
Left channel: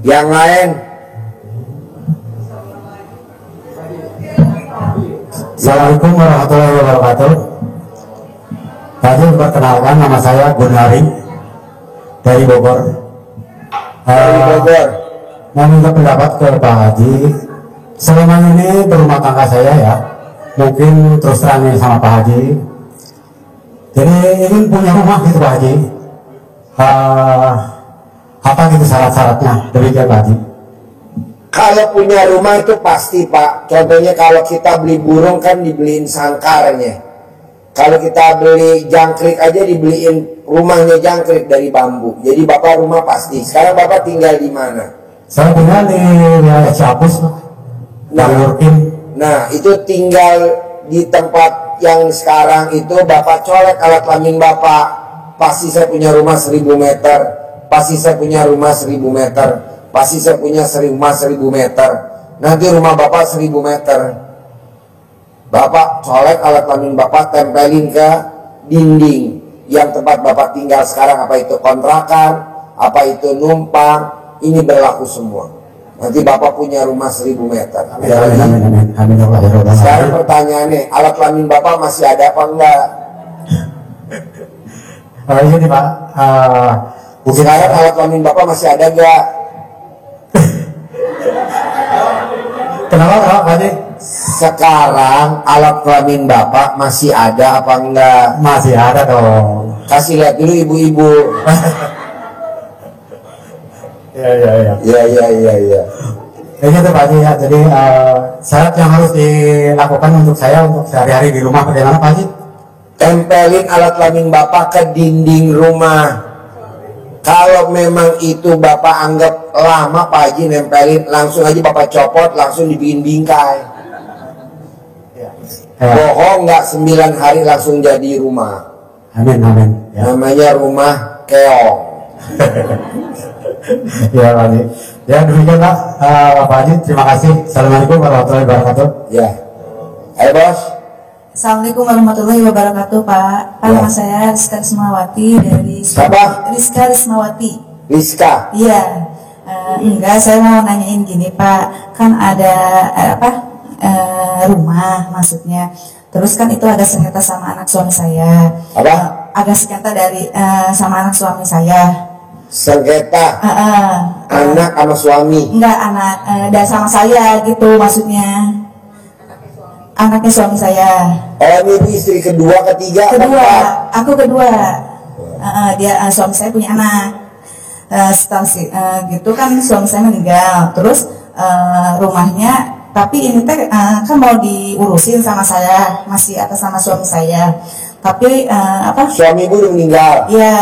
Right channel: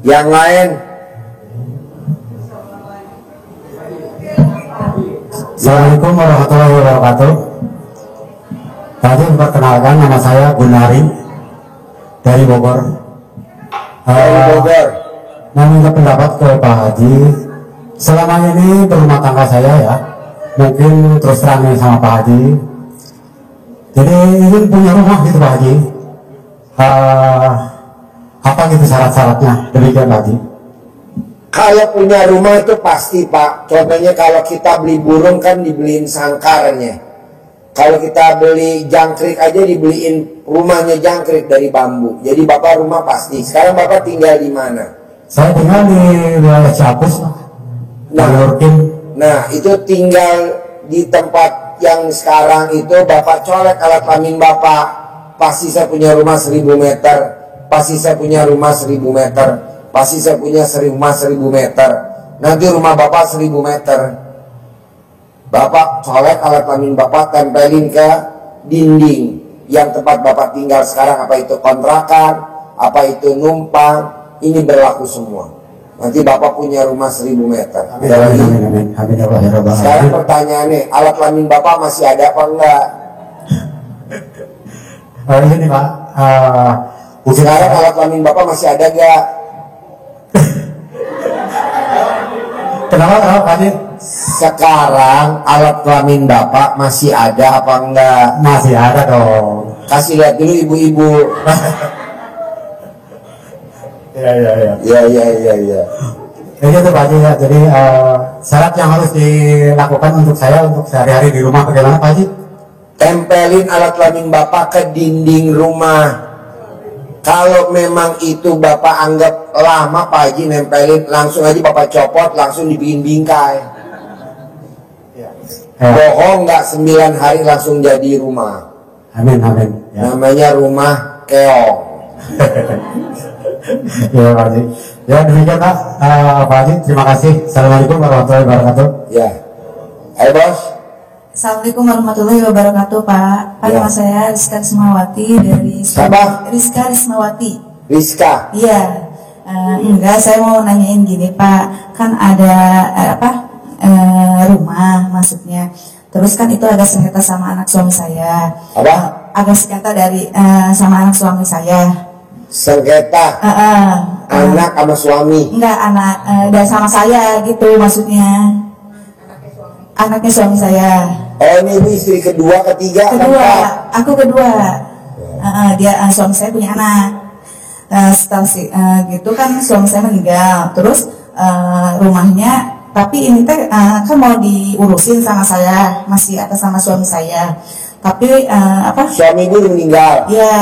Yang lain. Assalamualaikum warahmatullahi wabarakatuh. Tadi memperkenalkan, nama saya Gunari dari Bogor. Dari Bogor. Mau minta pendapat ke Pak Haji. Selama ini berumah tangga saya ya, mungkin terus terang nih sama Pak Haji. Jadi ingin punya rumah gitu Pak Haji. Apa gitu syarat-syaratnya? Demikian Pak Haji. Kalau punya rumah itu pasti Pak. Contohnya kalau kita beli burung kan dibeliin sangkarnya. Kalau kita beli jangkrik aja dibeliin rumahnya jangkrik dari bambu. Jadi Bapak rumah pasti. Sekarang Bapak tinggal di mana? Saya tinggal di wilayah Ciapus Pak. Nah itu tinggal di tempat yang sekarang itu Bapak colek alat kelamin Bapak. Pasti saya punya rumah 1000 meter. Pasti saya punya rumah 1000 meter. Pasti saya punya rumah 1000 meter. Nanti rumah Bapak 1000 meter. Bapak colek alat kelamin Bapak, tempelin ke dinding yang tempat Bapak tinggal sekarang, apa itu kontrakan, apa itu numpang, ini berlaku semua. Nanti Bapak punya rumah 1000 meter. Amin. Sekarang pertanyaannya, alat kelamin Bapak masih ada apa enggak? Iya nih Pak. Sekarang alat kelamin Bapak masih ada enggak? Kenapa Pak Haji? Sekarang alat kelamin Bapak masih ada apa enggak? Masih ada dong. Kasih lihat dulu ibu-ibu. Iya. Iya. Ya gitu Pak Haji ya. Jadi syarat yang harus dilakukan untuk saya untuk sehari-hari di rumah bagaimana Pak Haji? Tempelin alat kelamin Bapak ke dinding rumah. Kalau memang itu Bapak anggap lama Pak Haji nempelin, langsung aja Bapak copot, langsung dibikin bingkai. Ya. Bohong nggak 9 hari langsung jadi rumah. Amin. Ya. Namanya rumah keong. Ya Pak Haji. Ya demikian Pak. Pak Haji terima kasih. Assalamualaikum warahmatullahi wabarakatuh. Ya. Ayo bos. Assalamualaikum warahmatullahi wabarakatuh Pak. Nama saya Rizka Rismawati dari Siapa? Rizka Rismawati. Rizka. Iya. Enggak, saya mau nanyain gini Pak. Kan ada rumah maksudnya. Terus kan itu ada sengketa sama anak suami saya. Apa? Ada sengketa dari sama anak suami saya. Sengketa anak sama suami. Enggak, anak dan sama saya gitu maksudnya. Anaknya suami saya. Oh ini ibu istri kedua, ketiga, Kedua, keempat. aku kedua. Dia suami saya punya anak. Setelah gitu kan suami saya meninggal. Terus rumahnya, tapi ini teh kan mau diurusin sama saya, masih atas sama suami saya. Tapi Suami ibu udah meninggal. ya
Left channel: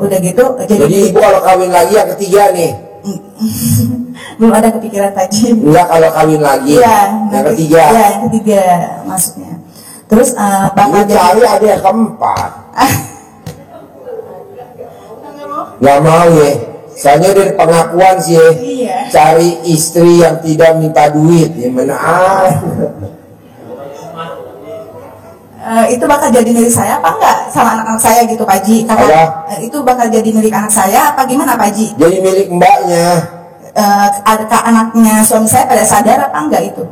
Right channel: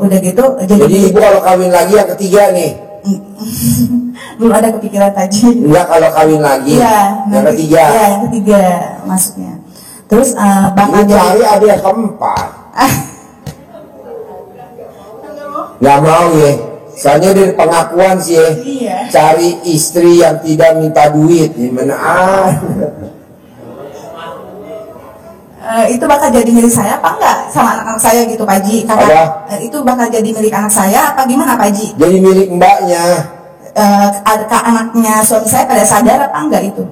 udah gitu. Jadi ibu kalau kawin lagi yang ketiga nih. Belum ada kepikiran tadi. Enggak kalau kawin lagi. Iya, Yang ketiga. Iya, yang ketiga maksudnya. Terus bakal Ini cari ada yang keempat. Nggak mau ya. Soalnya dari pengakuan sih ya. Iya. Cari istri yang tidak minta duit. Ya mana? Itu bakal jadi milik saya apa enggak sama anak-anak saya gitu Pak Haji? Itu bakal jadi milik anak saya apa gimana Pak Haji? Jadi milik mbaknya. Adakah anaknya suami saya pada sadar apa enggak itu?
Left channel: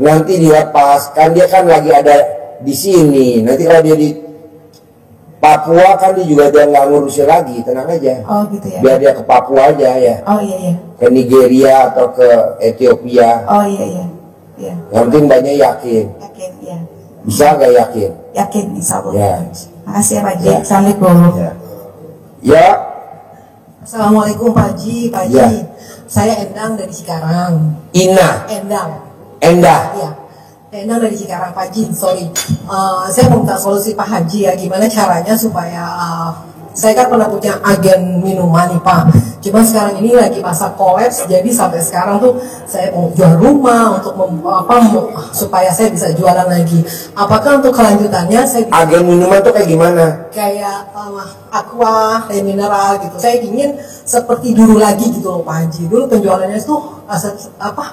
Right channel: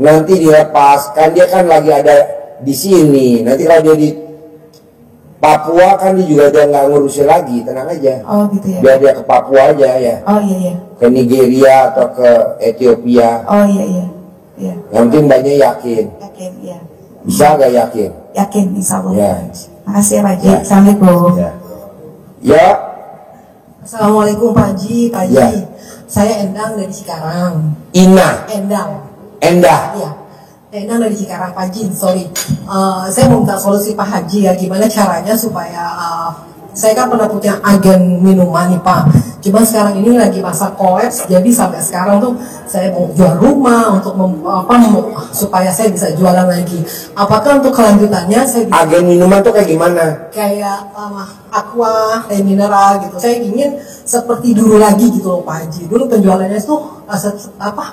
Nanti dilepas. Kan dia kan lagi ada di sini. Nanti kalau dia di Papua kan dia juga dia nggak ngurusin lagi. Tenang aja. Oh gitu ya. Biar dia ke Papua aja ya. Oh iya. Ke Nigeria atau ke Ethiopia. Oh iya. Yang penting mbaknya yakin. Yakin ya. Bisa gak yakin? Yakin insya Allah. Ya. Makasih ya Pak Haji. Ya. Assalamualaikum. Ya. Assalamualaikum Pak Haji. Ya. Saya Endang dari Cikarang. Ina. Endah. Ya. Endang dari Cikarang, Pak Haji. Sorry. Saya mau minta solusi Pak Haji ya. Gimana caranya supaya saya kan pernah punya agen minuman nih Pak. Cuma sekarang ini lagi masa kolaps, jadi sampai sekarang tuh saya mau jual rumah untuk supaya saya bisa jualan lagi. Apakah untuk kelanjutannya saya bisa Agen minuman tuh kayak gimana? kayak aqua, kayak mineral gitu. Saya ingin seperti dulu lagi gitu loh Pak Haji. Dulu penjualannya tuh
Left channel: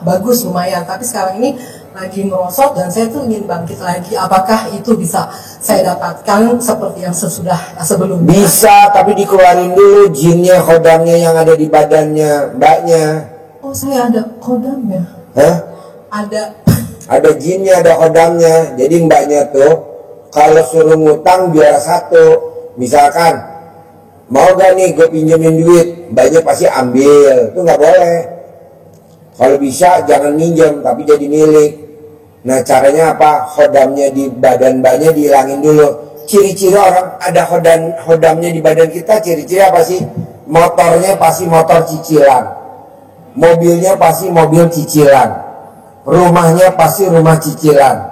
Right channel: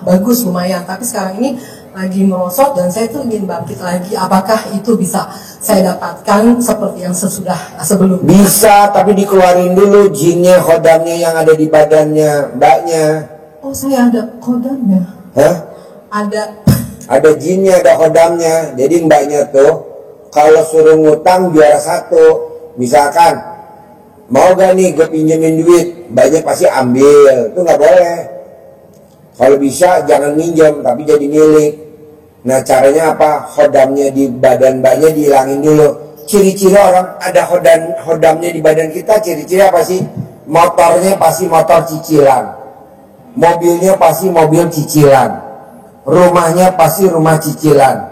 bagus lumayan, tapi sekarang ini lagi merosot dan saya tuh ingin bangkit lagi. Apakah itu bisa saya dapatkan seperti yang sebelumnya? Bisa, tapi dikeluarin dulu jinnya, hodamnya yang ada di badannya mbaknya. Oh, saya ada kodamnya. Hah? Ada. Ada jinnya, ada hodamnya. Jadi mbaknya tuh kalau suruh ngutang juara satu. Misalkan mau gak nih gue pinjemin duit, mbaknya pasti ambil. Itu nggak boleh. Kalau bisa jangan minjem tapi jadi milik. Nah caranya apa? Khodamnya di badan mbaknya dihilangin dulu. Ciri-ciri orang ada khodamnya di badan kita, ciri-ciri apa sih? Motornya pasti motor cicilan, mobilnya pasti mobil cicilan, rumahnya pasti rumah cicilan.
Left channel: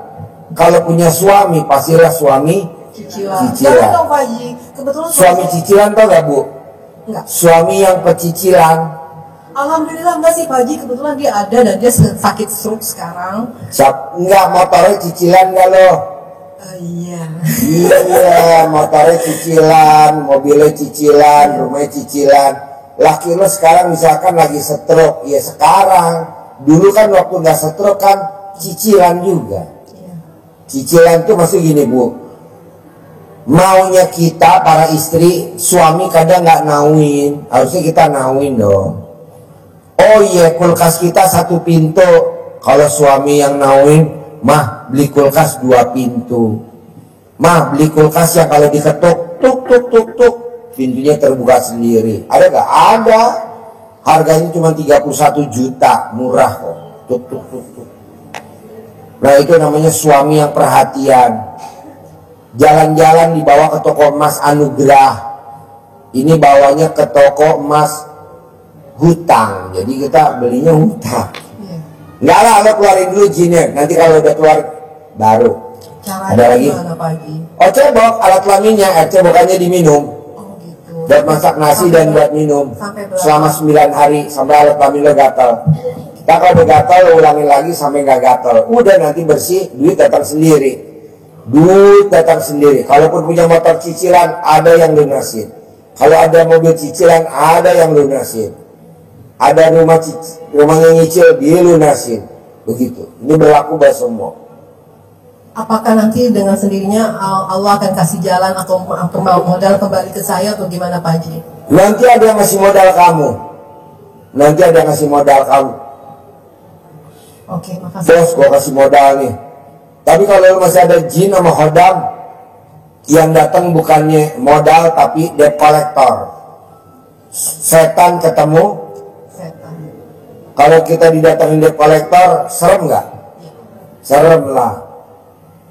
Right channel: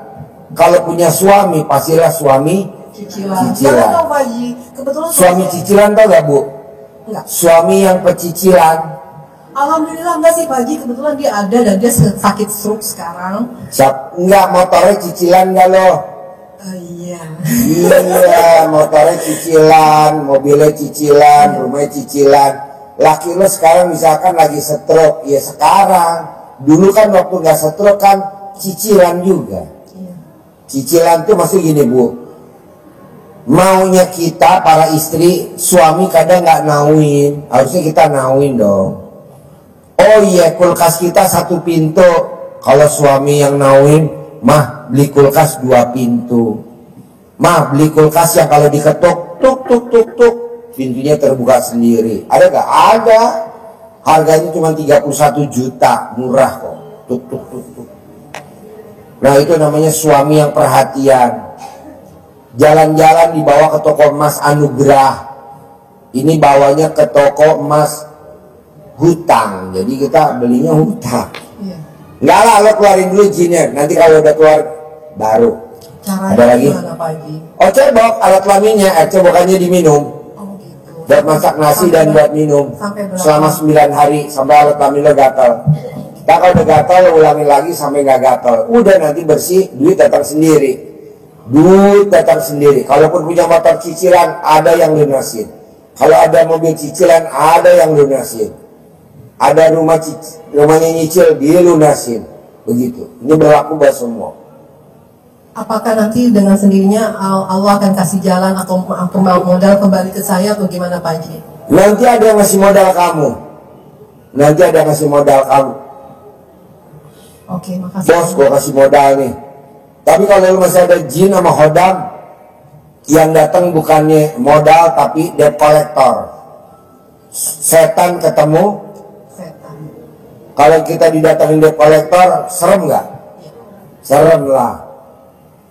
Kalau punya suami pastilah suami Cicilan. Cicilan. Jangan dong Pak Haji. Kebetulan suami cicilan, tau gak Bu? Enggak. Suami yang pecicilan. Alhamdulillah enggak sih Pak Haji. Kebetulan dia ada dan dia sakit stroke sekarang. Enggak, motornya cicilan gak lo? Iya. Iya, motornya cicilan, mobilnya cicilan, rumahnya cicilan. Laki lo sekarang misalkan lagi stroke, ya sekarang. Dulu kan waktu nggak stroke kan cicilan juga. Cicilan tuh maksud gini Bu, maunya kita para istri, suami kadang nggak nauin, harusnya kita nauin dong. Oh iya, kulkas kita 1 pintu, kalau suami yang nauin, mah beli kulkas 2 pintu. Mah beli kulkas yang kalau diketuk, tuk tuk tuk tuk, pintunya terbuka sendiri. Ada gak? Ada. Harganya cuma 31 juta, murah kok. Tuk tuk tuk tuk. Nah itu namanya suami yang perhatian. Jalan-jalan dibawa ke toko emas Anugrah. Ini bawanya ke toko emas hutang. Jadi kita belinya hutang. Enggak lah, lo keluarin dulu jinnya. Nanti kalau udah keluar baru. Caranya Ada lagi? gimana Pak Haji? Oh cebok, alat kelaminnya. Air cebokannya diminum. Oh gitu. Buat masak nasi Sampai dan berapa? buat minum. Sampai berapa? Selama 9 hari sampai alat kelamin lo gatal. Kita kalau udah gatal lo ulangin lagi sampai gak gatal. Udah nanti bersih, duit datang sendiri. Duit datang sendiri. Kalaupun punya motor cicilan, ada yang lunasin. Kalau ada mobil cicilan, ada yang lunasin. Ada rumahnya nyicil, dia lunasin. Begitu. Ini berlaku buat semua. Apakah nanti dengan sendirinya Allah akan kasih jalan atau modal kembali ke saya atau gimana Pak Haji? Nanti ada yang ngasih modal kamu. Nanti ada yang ngasih modal kamu. Oke, makasih. Bos, gua kasih modal nih. Tapi kalau lu masih ada jin sama khodam, yang datang bukannya modal tapi debt collector. Setan ketemu. Setan. Kalau kita didatengin debt collector, serem nggak? Serem lah.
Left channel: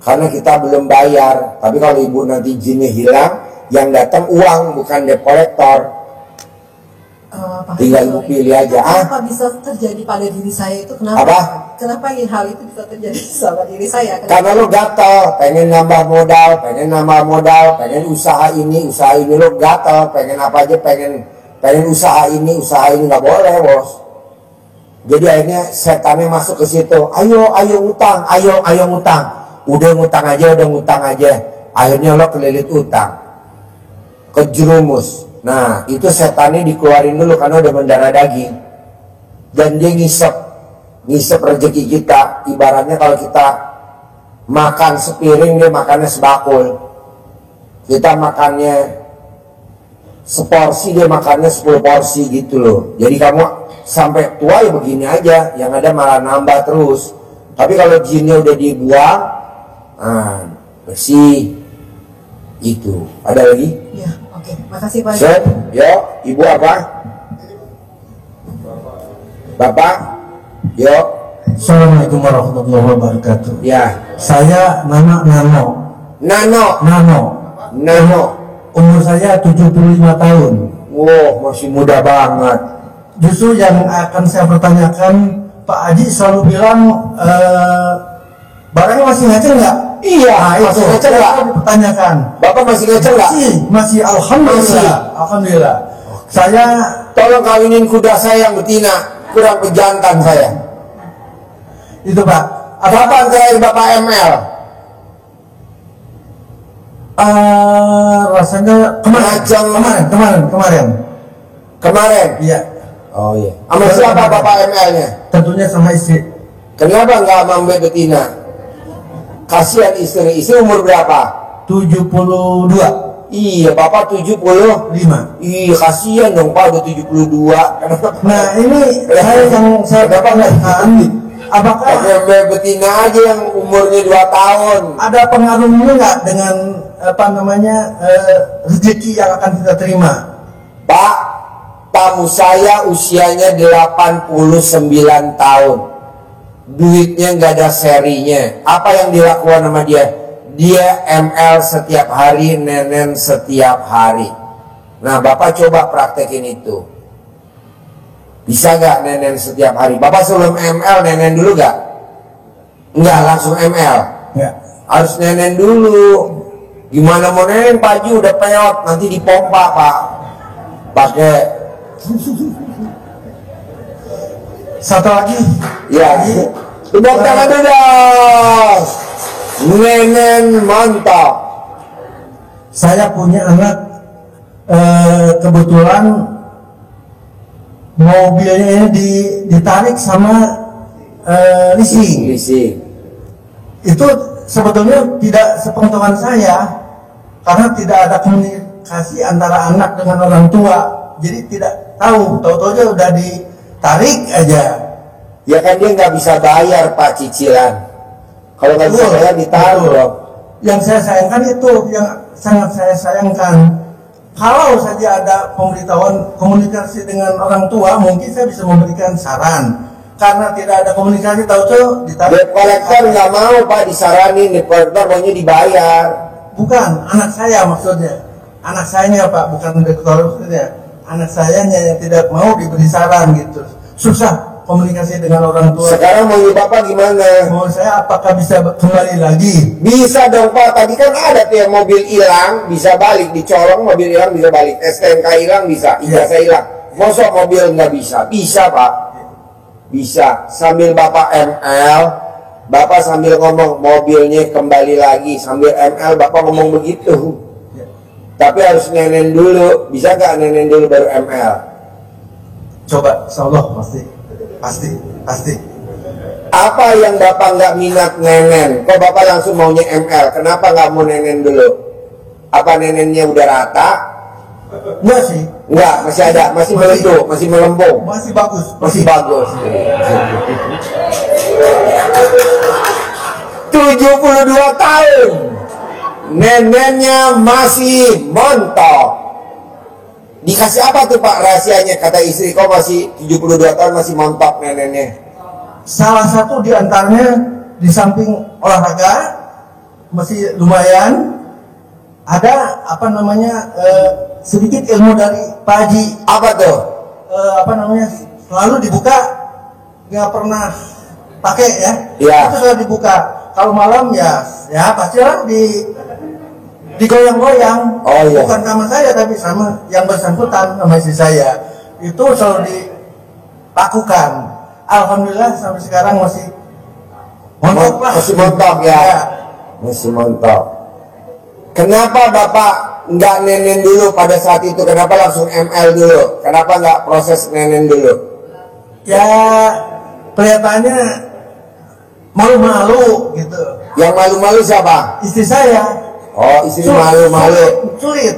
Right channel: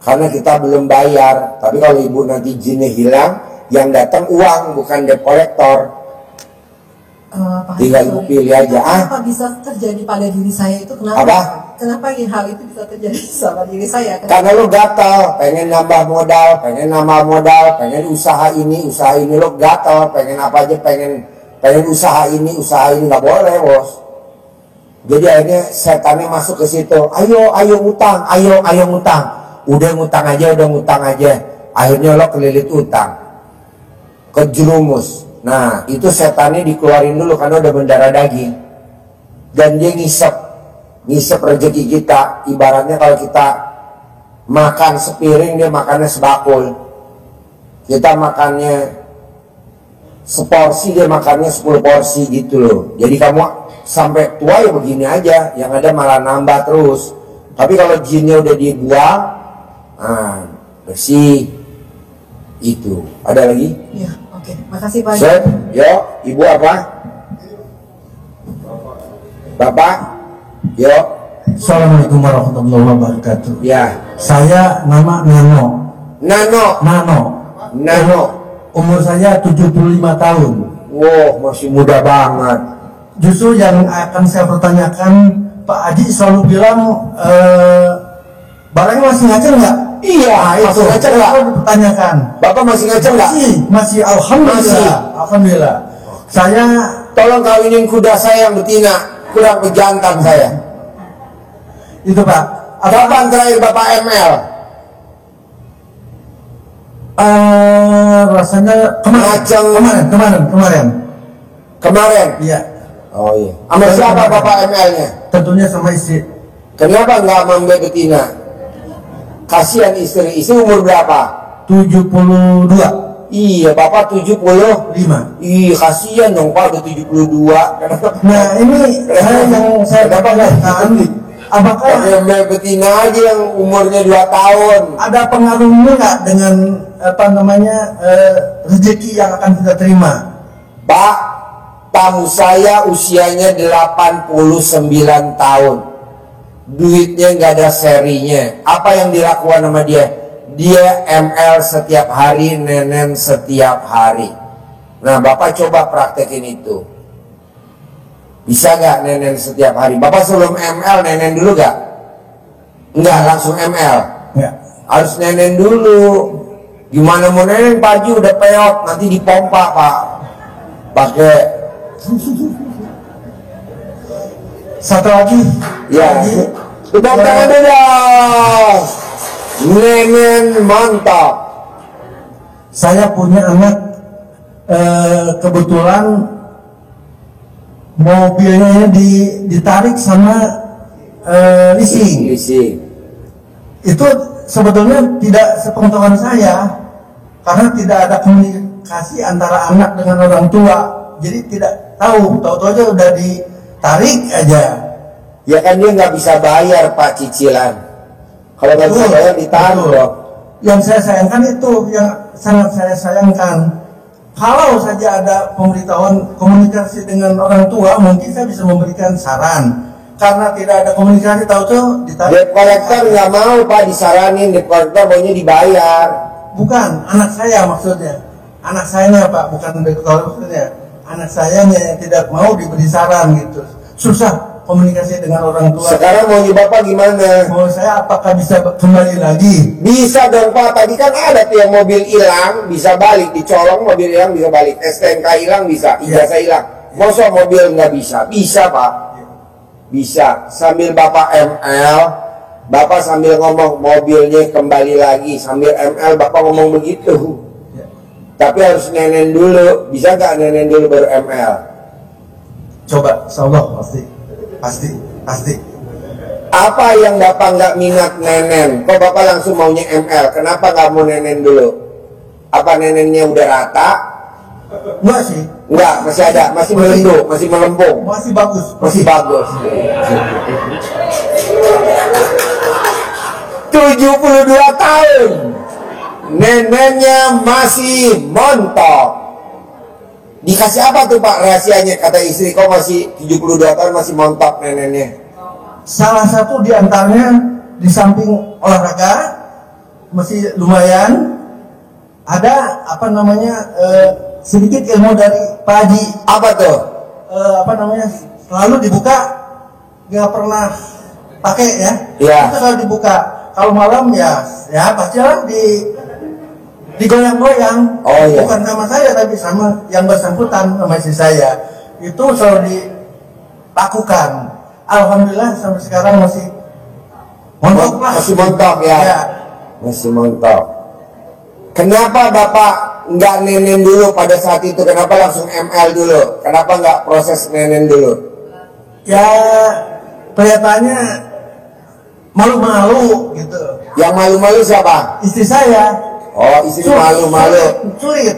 Karena kita belum bayar. Tapi kalau ibu nanti jinnya hilang, yang datang uang bukan debt collector. Pak Haji, Tinggal ibu sorry. pilih aja. Kenapa bisa terjadi pada diri saya itu? Kenapa? Apa? Kenapa hal itu bisa terjadi sama diri saya? Kenapa? Karena lo gatal, pengen nambah modal, pengen usaha ini lo gatal, pengen apa aja, pengen usaha ini nggak boleh bos. Jadi akhirnya setannya masuk ke situ. Ayo utang, ayo utang. Udah ngutang aja. Akhirnya lo kelilit utang, kejerumus. Nah itu setannya dikeluarin dulu karena udah mendarah daging. Dan dia ngisep rezeki kita. Ibaratnya kalau kita makan sepiring, dia makannya sebakul. Kita makannya seporsi, dia makannya 10 porsi gitu loh. Jadi kamu sampai tua ya begini aja, yang ada malah nambah terus. Tapi kalau jinnya udah dibuang, bersih. Itu. Ada lagi? Ya, oke. Makasih Pak Haji. Set, yo, ibu apa? Bapak? Yo, Assalamualaikum warahmatullahi wabarakatuh. ya. Saya nama Nano. Nano. Umur saya 75 tahun. Wow, masih muda banget. Justru yang akan saya pertanyakan, Pak Haji selalu bilang barangnya masih ngaceng nggak? Iya, masih itu ngaceng yang nggak? selalu dipertanyakan. Bapak masih ngaceng nggak? Masih alhamdulillah. Masih. Alhamdulillah. Saya Tolong kawinin kuda saya yang betina, kurang pejantan saya. itu Pak. Kapan terakhir Bapak ML? Rasanya Ngaceng. kemarin. Kemarin? Iya. Oh iya. Sama siapa Bapak ML-nya? Tentunya sama istri. Kenapa nggak sama Mbak betina? Kasihan istri. Istri umur berapa? 72. Iya, Bapak 70. 5. Iya, kasihan dong Pak, udah 72. Nah ini saya Kenapa nggak tanyakan, apakah pakai Mbak betina aja yang umurnya 2 tahun? ada pengaruhnya nggak dengan rezeki yang akan kita terima? Pak, tamu saya usianya 89 tahun. duitnya nggak ada serinya. Apa yang dilakukan sama dia? Dia ML setiap hari, nenen setiap hari. Nah, Bapak coba praktekin itu. Bisa gak nenen setiap hari? Bapak sebelum ML nenen dulu gak? Enggak, langsung ML. Ya. Harus nenen dulu. Gimana mau nenen, Pak Haji udah peot, nanti dipompa Pak. Pakai. Satu lagi. Ya. Tepuk tangan dulu dong. Nenen mantap. Saya punya anak, kebetulan mobilnya ini ditarik sama leasing. Itu sebetulnya tidak sepengetahuan saya, karena tidak ada komunikasi antara anak dengan orang tua, jadi tidak tahu aja udah ditarik aja. Ya kan dia nggak bisa bayar Pak cicilan. Kalau nggak bisa bayar ditaruh dong. Yang saya sayangkan itu, yang sangat saya sayangkan. Kalau saja ada pemberitahuan komunikasi dengan orang tua, mungkin saya bisa memberikan saran. Karena tidak ada komunikasi, tahu-tahu ditarik. Debt collector nggak mau Pak disaranin, debt collector maunya dibayar. Bukan, anak saya maksudnya. Anak sayanya Pak, bukan debt collectornya. Anak sayanya yang tidak mau diberi saran gitu. Susah komunikasi dengan orang tua. Sekarang maunya Bapak gimana? Mau saya apakah bisa kembali lagi? Bisa dong Pak, tadi kan ada tuh yang mobil hilang bisa balik, dicolong mobil hilang bisa balik, STNK hilang bisa, ijazah hilang. Masa mobil nggak bisa? Bisa Pak, bisa. Sambil Bapak ML, Bapak sambil ngomong mobilnya kembali lagi, sambil ML Bapak ngomong begitu. Tapi harus nenen dulu, bisa nggak nenen dulu baru ML? Coba, insyaallah pasti. Apa yang Bapak nggak minat nenen? Kok Bapak langsung maunya ML? Kenapa nggak mau nenen dulu? Apa nenennya udah rata? Enggak sih. Enggak, masih ada, masih melendung, masih melempung. Masih bagus. Masih bagus. 72 tahun. Nenennya masih montok. Dikasih apa tuh Pak rahasianya? Kata istri, kok masih 72 tahun masih montok nenennya? Salah satu di antaranya, di samping olahraga masih lumayan, ada sedikit ilmu dari Pak Haji. Apa tuh? Selalu dibuka, nggak pernah pakai ya. Iya. Itu selalu dibuka. Kalau malam ya pastilah digoyang-goyang. Oh, iya. Bukan sama saya tapi sama yang bersangkutan, sama istri saya. Itu selalu dilakukan. Alhamdulillah sampai sekarang masih montok lah. Masih montok ya. Masih montok. Kenapa Bapak nggak nenen dulu pada saat itu? Kenapa langsung ML dulu? Kenapa nggak proses nenen dulu? Ya kelihatannya malu-malu gitu. Yang malu-malu siapa? Istri saya. Oh, istri malu-malu. Sulit.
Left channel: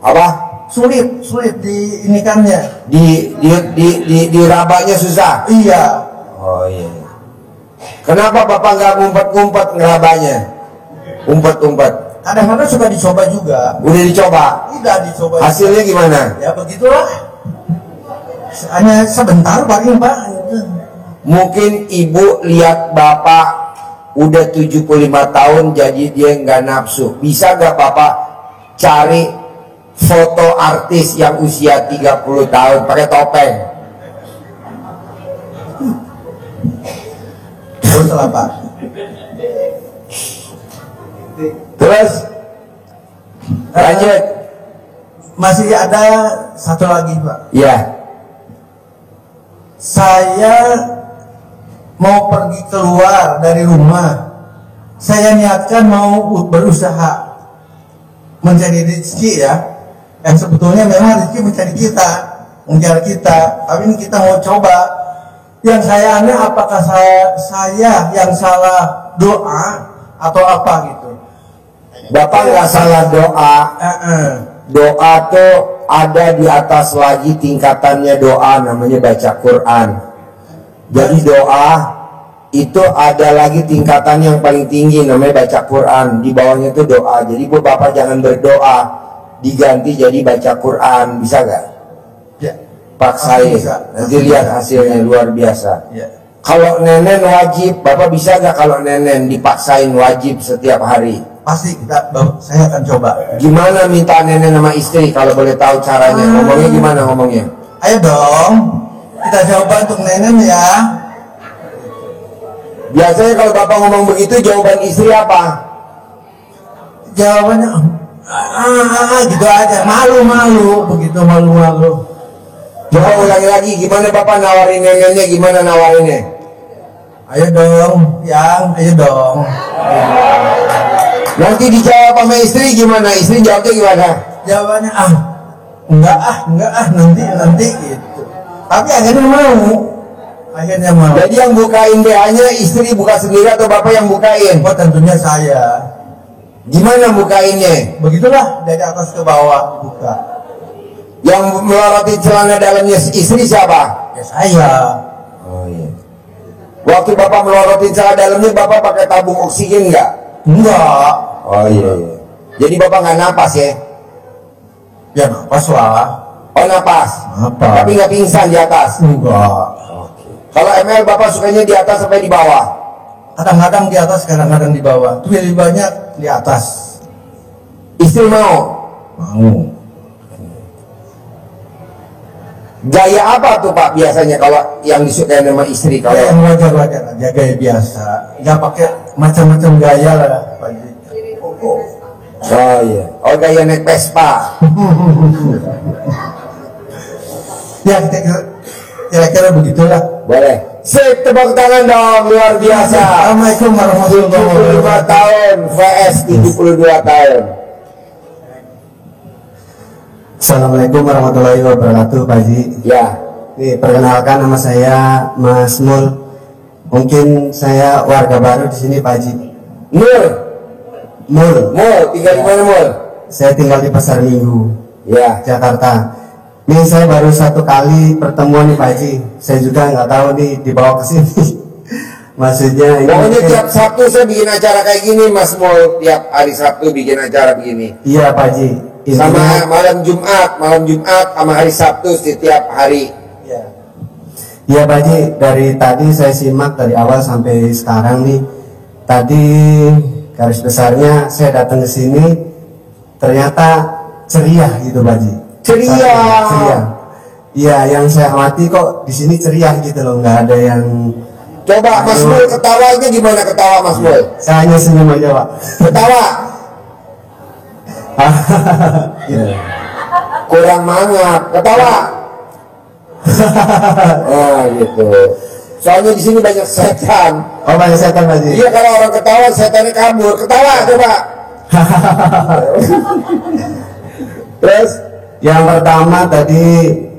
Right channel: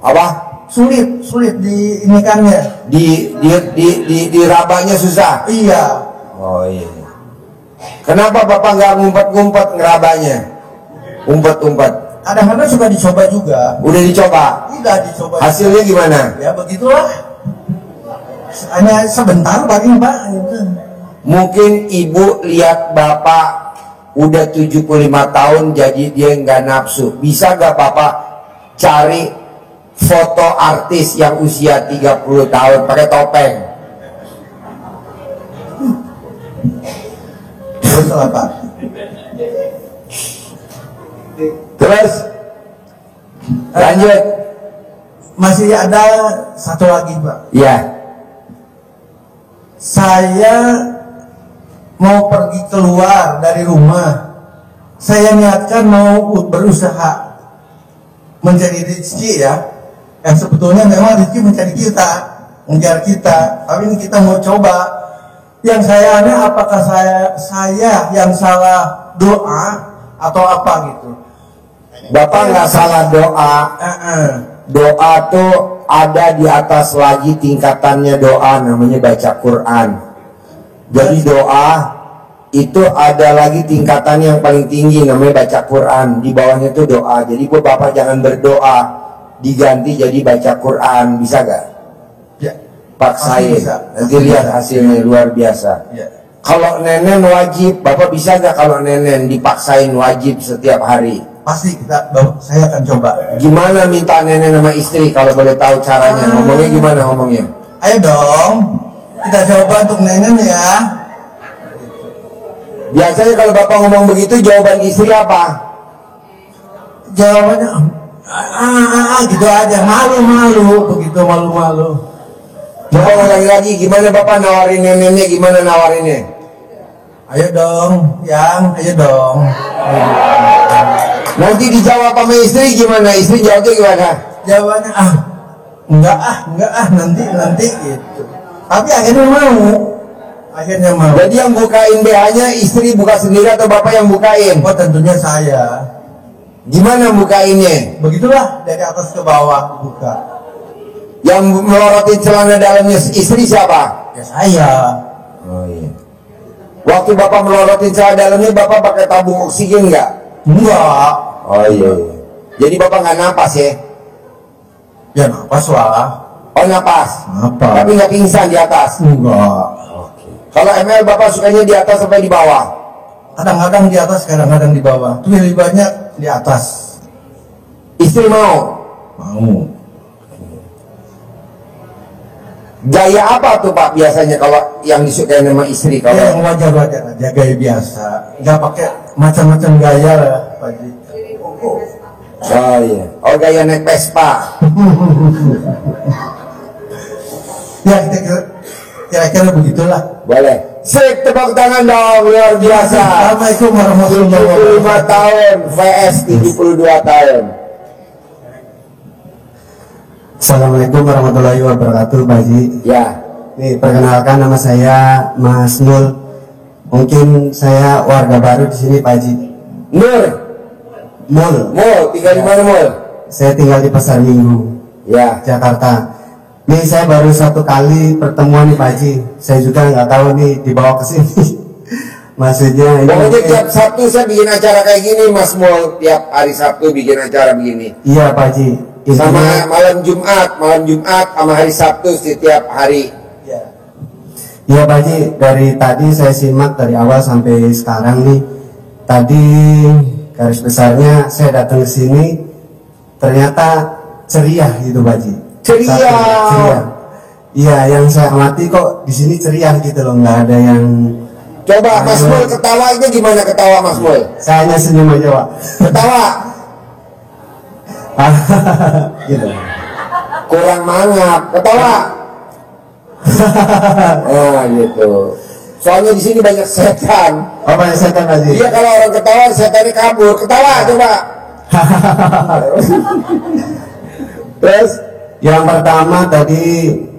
Apa? Sulit diinikannya. Di rabanya susah. Iya. Oh iya. Kenapa Bapak nggak ngumpet-ngumpet ngerabanya? Umpet-umpet. Kadang-kadang suka dicoba juga. Udah dicoba? Tidak dicoba. Hasilnya gimana? Ya begitulah. Hanya sebentar paling Pak. Mungkin ibu lihat Bapak udah 75 tahun jadi dia nggak nafsu. Bisa gak Bapak cari foto artis yang usia 30 tahun pakai topeng? Terus apa? Terus lanjut. Masih ada satu lagi Pak. Ya. Saya mau pergi keluar dari rumah. Saya niatkan mau berusaha mencari rezeki ya. Yang sebetulnya memang rezeki mencari kita, mengejar kita. Tapi ini kita mau coba. Yang saya aneh apakah saya yang salah doa atau apa gitu. Bapak nggak salah doa. Doa tuh ada di atas lagi tingkatannya doa, namanya baca Quran. Jadi doa itu ada lagi tingkatan yang paling tinggi, namanya baca Quran. Di bawahnya itu doa. Jadi buat Bapak jangan berdoa, diganti jadi baca Quran. Bisa gak? Ya. Paksain. Bisa. Nanti lihat hasilnya luar biasa. Ya. Kalau nenen wajib, Bapak bisa gak kalau nenen dipaksain wajib setiap hari? Pasti saya akan coba. Gimana minta nenen sama istri kalau boleh tahu caranya? Ngomongnya gimana ngomongnya? Ayo dong, kita coba untuk nenen ya. Biasanya kalau Bapak ngomong begitu, jawaban istri apa? Jawabannya gitu aja, malu-malu, begitu malu-malu. Coba ulangi lagi, gimana Bapak nawarin nenennya, gimana nawarinnya? Ayo dong, ayo dong. Nanti dijawab sama istri gimana? Istri jawabnya gimana? Jawabannya enggak nanti gitu. Tapi akhirnya mau. Jadi yang bukain BH-nya istri buka sendiri atau Bapak yang bukain? Oh tentunya saya. Gimana bukainnya? Begitulah dari atas ke bawah buka. Yang melorotin celana dalamnya istri siapa? Ya saya. Oh iya. Waktu Bapak melorotin celana dalamnya Bapak pakai tabung oksigen nggak? Enggak. Oh iya. Jadi Bapak nggak napas ya? Ya napas lah. Oh napas. Napas. Tapi nggak pingsan di atas? Enggak. Kalau ML Bapak sukanya di atas sampai di bawah? Kadang-kadang di atas, kadang-kadang di bawah. Tuh lebih banyak di atas. Istri mau? Mau. Gaya apa tuh Pak biasanya kalau yang disukai sama istri? Kalau Yang wajar-wajar aja, gaya biasa. Nggak pakai macam-macam gaya lah, Pak Ji. Oh iya. Oh gaya naik Vespa. Ya kira-kira begitulah. Boleh. Sip, tepuk tangan dong, luar biasa. Assalamualaikum warahmatullahi 75 wabarakatuh. tahun, VS 72 tahun. Assalamualaikum warahmatullahi wabarakatuh, Pak Haji. Ya. Nih, perkenalkan nama saya Mas Mul. Mungkin saya warga baru di sini, Pak Haji. Nur. Mul. Mul, tinggal di mana Mul? Saya tinggal di Pasar Minggu, Ya. Jakarta. Nih saya baru satu kali pertemuan nih Pak Haji. Saya juga nggak tahu nih dibawa ke sini. Maksudnya ini Pokoknya mungkin- tiap Sabtu saya bikin acara kayak gini, Mas Mul. Tiap hari Sabtu bikin acara begini. Iya Pak Haji. Sama malam Jumat sama hari Sabtu setiap hari. Iya Pak Haji, dari tadi saya simak dari awal sampai sekarang nih. Tadi garis besarnya saya datang ke sini ternyata ceria gitu Pak Haji. Ceria. Ceria. Iya, yang saya amati kok di sini ceria gitu loh, nggak ada yang. Coba Mas Mul ketawanya gimana ketawa Mas Mul? Saya hanya senyum aja Pak. Ketawa. Gitu. Kurang mangap. Ketawa. Ah gitu. Soalnya di sini banyak setan. Oh banyak setan Pak Haji. Iya kalau orang ketawa setannya kabur. Ketawa coba. Terus Yang pertama tadi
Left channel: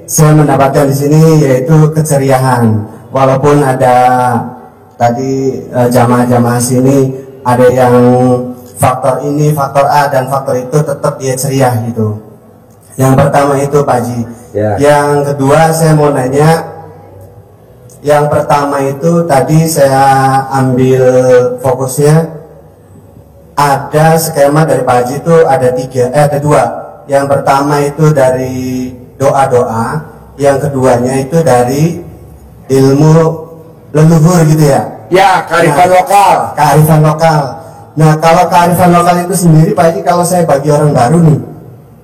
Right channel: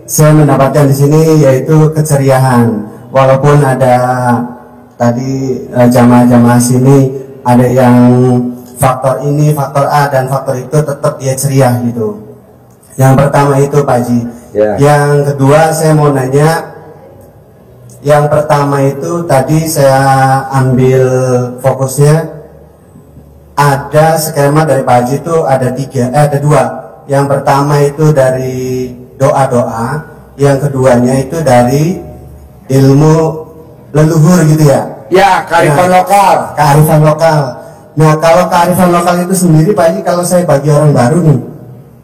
saya mendapatkan di sini yaitu keceriaan. Walaupun ada tadi jamaah-jamaah sini ada yang faktor ini, faktor A dan faktor itu tetap dia ceria gitu. Yang pertama itu Pak Haji. Ya. Yang kedua saya mau nanya. Yang pertama itu tadi saya ambil fokusnya ada skema dari Pak Haji itu ada dua. Yang pertama itu dari doa-doa, yang keduanya itu dari ilmu leluhur gitu ya. ya kearifan lokal. Kearifan lokal. Nah kalau kearifan lokal itu sendiri Pak Haji, kalau saya bagi orang baru nih,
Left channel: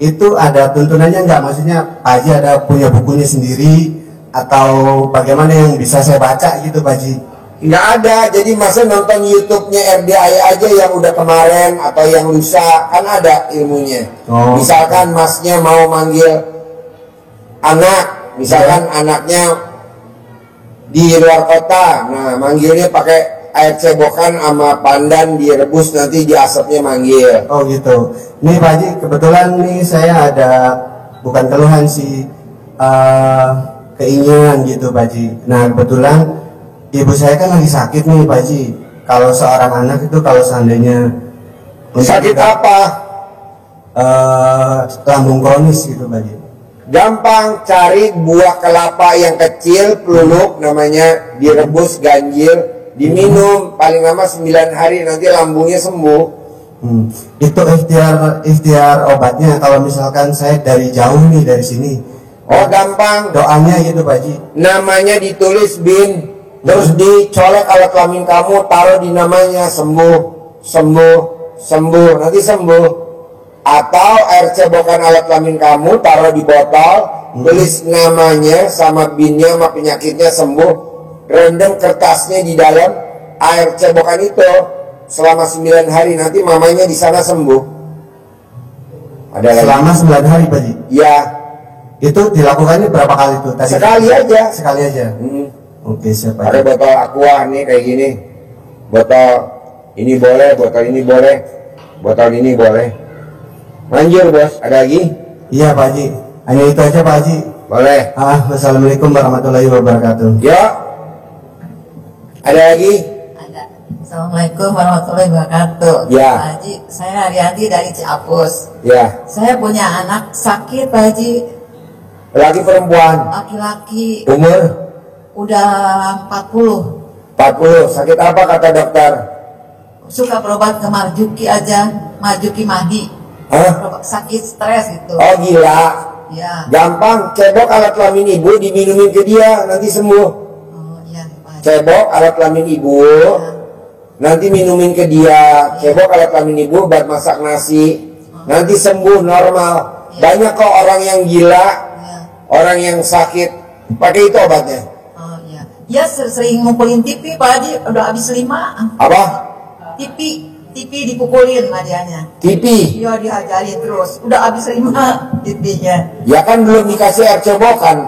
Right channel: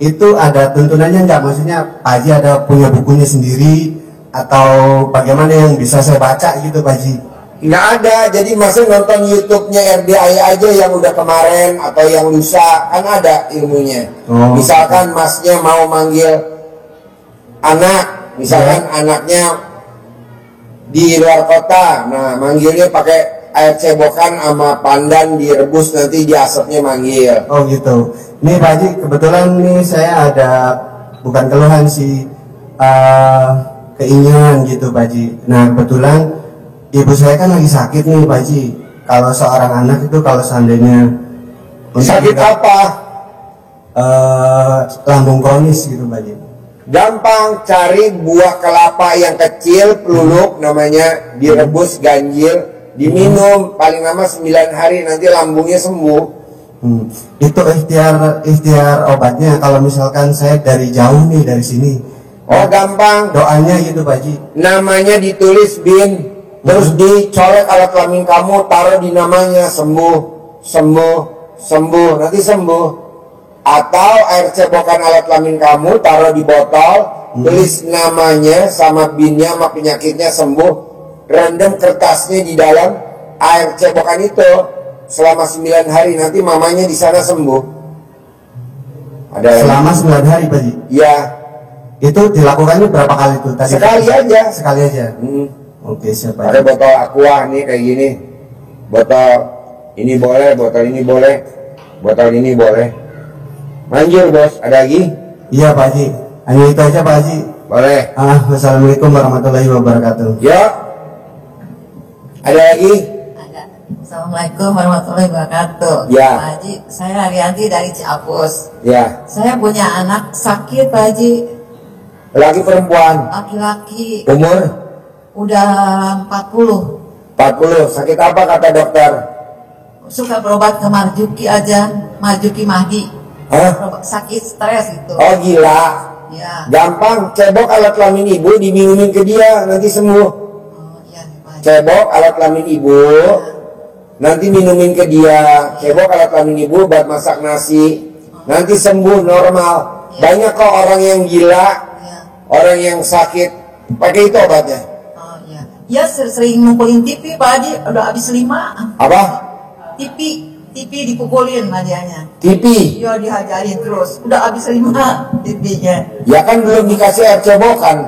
itu ada tuntunannya nggak? Maksudnya Pak Haji ada punya bukunya sendiri atau bagaimana yang bisa saya baca gitu Pak Haji? Nggak ada, jadi masa nonton YouTube-nya RDI aja yang udah kemarin atau yang lusa, kan ada ilmunya. Oh. Misalkan masnya mau manggil anak, misalkan anaknya di luar kota, nah manggilnya pakai air cebokan sama pandan direbus, nanti di asapnya manggil. Oh gitu. Nih Pak Haji, kebetulan nih saya ada bukan keluhan sih, keinginan gitu Pak Haji. Nah kebetulan ibu saya kan lagi sakit nih Pak Haji. Kalau seorang anak itu kalau seandainya Sakit apa? lambung kronis gitu Pak Haji. Gampang, cari buah kelapa yang kecil, peluluk namanya, direbus ganjil, diminum paling lama 9 hari, nanti lambungnya sembuh. Itu ikhtiar obatnya kalau misalkan saya dari jauh nih dari sini. Oh gampang, Doanya gitu Pak Haji. namanya ditulis bin, Terus dicolek alat kelamin kamu, taruh di namanya, sembuh, sembuh, sembuh, nanti sembuh. Atau air cebokan alat kelamin kamu, taruh di botol, tulis namanya sama binnya sama penyakitnya, sembuh. Rendam kertasnya di dalam air cebokan itu selama 9 hari, nanti mamanya di sana sembuh. Ada lagi? Selama 9 hari, Pak Ji. Ya, Itu dilakukannya berapa kali tuh tadi? sekali aja. Sekali aja. Oke, siap Ada Pak Ji. botol aqua nih kayak gini. Botol ini boleh, botol ini boleh, botol ini boleh. Manjur bos, ada lagi? Iya Pak Ji. Hanya itu aja Pak Ji. Boleh. Wassalamualaikum warahmatullahi wabarakatuh. Yuk. Ada lagi? Ada. Assalamualaikum warahmatullahi wabarakatuh. Ya. Pak Haji, saya Arianti dari Ciapus. Ya. Saya punya anak sakit Pak Haji, Laki perempuan. laki-laki, Umur udah 40. 40. Sakit apa kata dokter? Suka berobat ke Marjuki aja, Marjuki Mahdi. Hah? Sakit stres gitu. Oh gila. Ya. Gampang. Cebok alat kelamin ibu diminumin ke dia, nanti sembuh. Oh iya Pak Haji. Cebok alat kelamin ibu, nanti minumin ke dia. Cebok alat kelamin ibu buat masak nasi, nanti sembuh normal. Banyak kok orang yang gila, orang yang sakit pakai itu obatnya. Oh iya. Ya sering mukulin TV Pak Haji, udah habis 5. Apa? TV dipukulin lah dianya. TV. Iya dihajarin terus, udah habis 5 TV-nya. Ya kan belum dikasih air cebokan.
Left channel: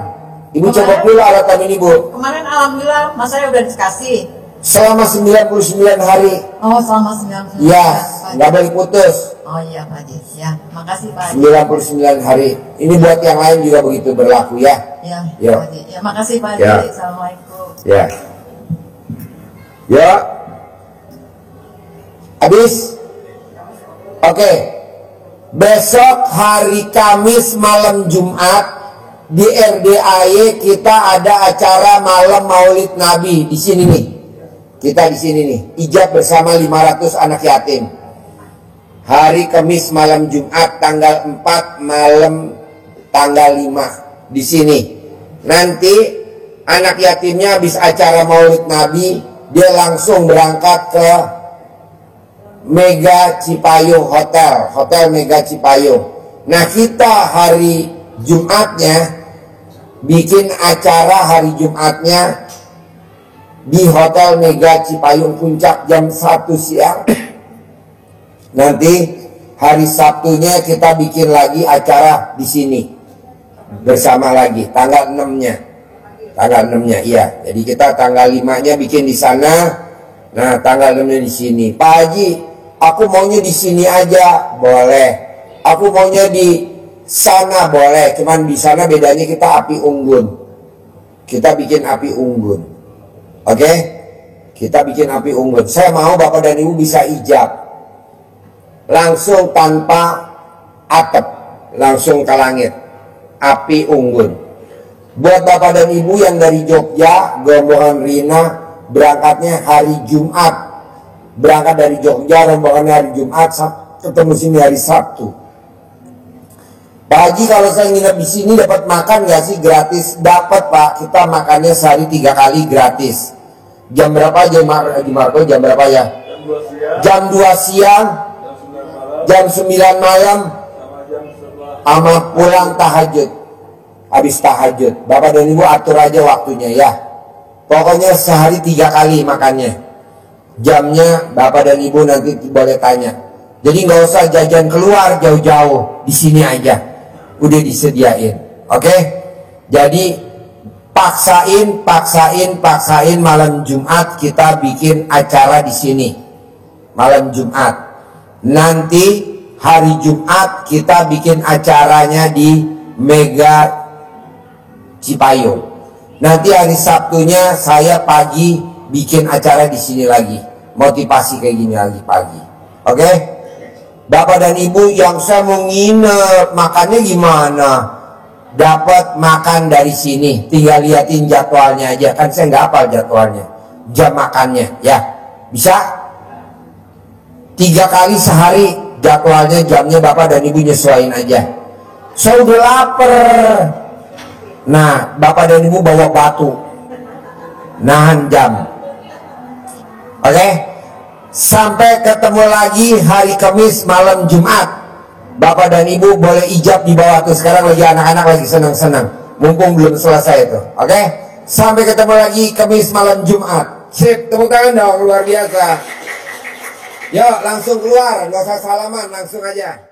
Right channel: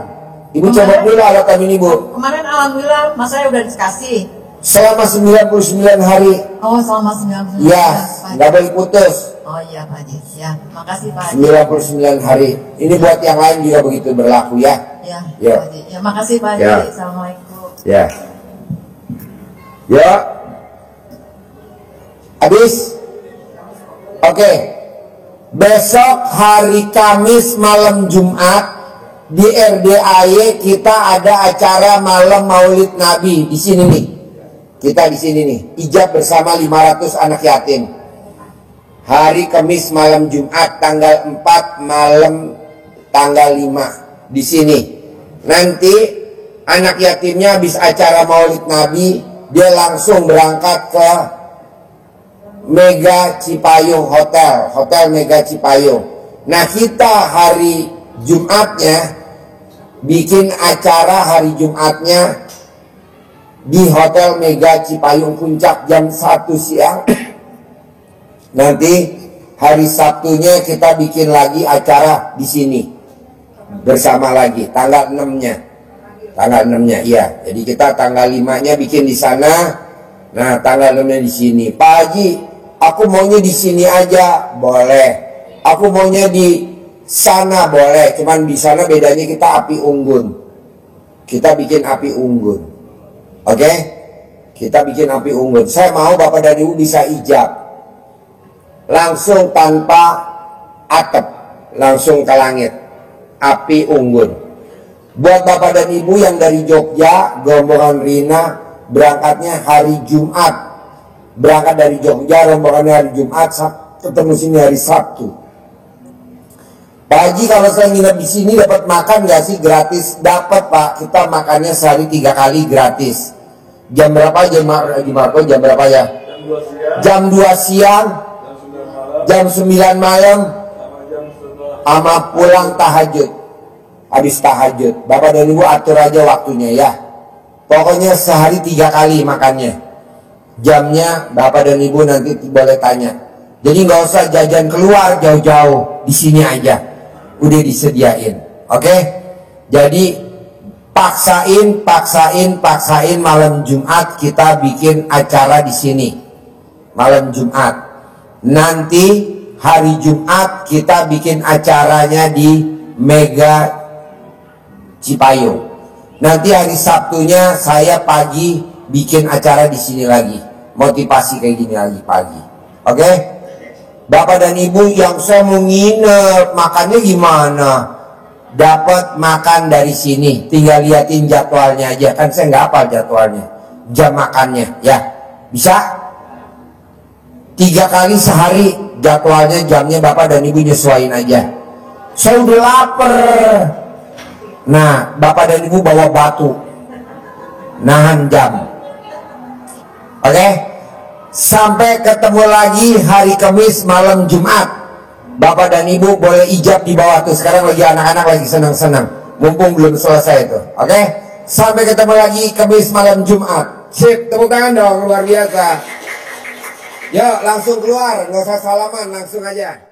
Ibu cebok dulu alat kelamin ibu. Kemarin alhamdulillah mas saya udah dikasih. Selama 99 hari. Oh selama 99 Ya, Pak. nggak boleh putus. Oh iya Pak Haji. Ya, makasih Pak Haji. 99 hari. Ini buat yang lain juga begitu berlaku ya. Ya, Ya. Pak Haji. Ya, makasih Pak Haji. Ya. Assalamualaikum. Ya. Ya. Habis. Oke. Besok hari Kamis malam Jumat di RDAY kita ada acara malam Maulid Nabi di sini nih. Kita di sini nih, ijab bersama 500 anak yatim. Hari Kamis malam Jumat tanggal 4 malam tanggal 5 di sini. Nanti anak yatimnya habis acara Maulid Nabi, dia langsung berangkat ke Mega Cipayung Hotel, Hotel Mega Cipayung. Nah, kita hari Jumatnya bikin acara hari Jumatnya di Hotel Mega Cipayung Puncak jam 1 siang. Nanti hari Sabtunya kita bikin lagi acara di sini bersama lagi tanggal 6-nya. Tanggal 6-nya iya. Jadi kita tanggal 5-nya bikin di sana. Nah, tanggal 6-nya di sini. Pak Haji, aku maunya di sini aja, boleh. Aku maunya di sana boleh. Cuman di sana bedanya kita api unggun. Kita bikin api unggun. Oke? Kita bikin api unggun. Saya mau Bapak dan Ibu bisa ijab. Langsung tanpa atap, langsung ke langit. Api unggun. Buat Bapak dan Ibu yang dari Jogja, rombongan Rina berangkatnya hari Jumat. Berangkat dari Jogja, rombongannya hari Jumat, ketemu sini hari Sabtu. Pak Haji, kalau saya nginep di sini dapat makan nggak sih? Gratis. Dapat Pak. Kita makannya sehari 3 kali gratis. Jam berapa Jam Marco? Jam berapa ya? Jam 2 siang. Jam 9 malam. Sama pulang tahajud. Habis tahajud. Bapak dan Ibu atur aja waktunya ya. Pokoknya sehari 3 kali makannya. Jamnya Bapak dan Ibu nanti boleh tanya. Jadi nggak usah jajan keluar jauh-jauh. Di sini aja. Udah disediain. Oke? Jadi paksain malam Jumat kita bikin acara di sini. Malam Jumat. Nanti hari Jumat kita bikin acaranya di Mega Cipayung. Nanti hari Sabtunya saya pagi bikin acara di sini lagi. Motivasi kayak gini lagi pagi. Oke? Bapak dan Ibu yang saya mau nginep, makannya gimana? Dapat makan dari sini. Tinggal liatin jadwalnya aja. Kan saya nggak hafal jadwalnya. Jam makannya, ya. Bisa? 3 kali sehari jadwalnya, jamnya Bapak dan Ibu nyesuaiin aja. Saya udah lapar. Nah, Bapak dan Ibu bawa batu. nahan jam. Oke? Sampai ketemu lagi hari Kamis malam Jumat. Bapak dan Ibu boleh ijab di bawah tuh. Sekarang lagi anak-anak lagi senang-senang. Mumpung belum selesai itu. Oke? Sampai ketemu lagi Kamis malam Jumat. Sip, tepuk tangan dong, luar biasa. Yuk, langsung keluar, nggak usah salaman, langsung aja.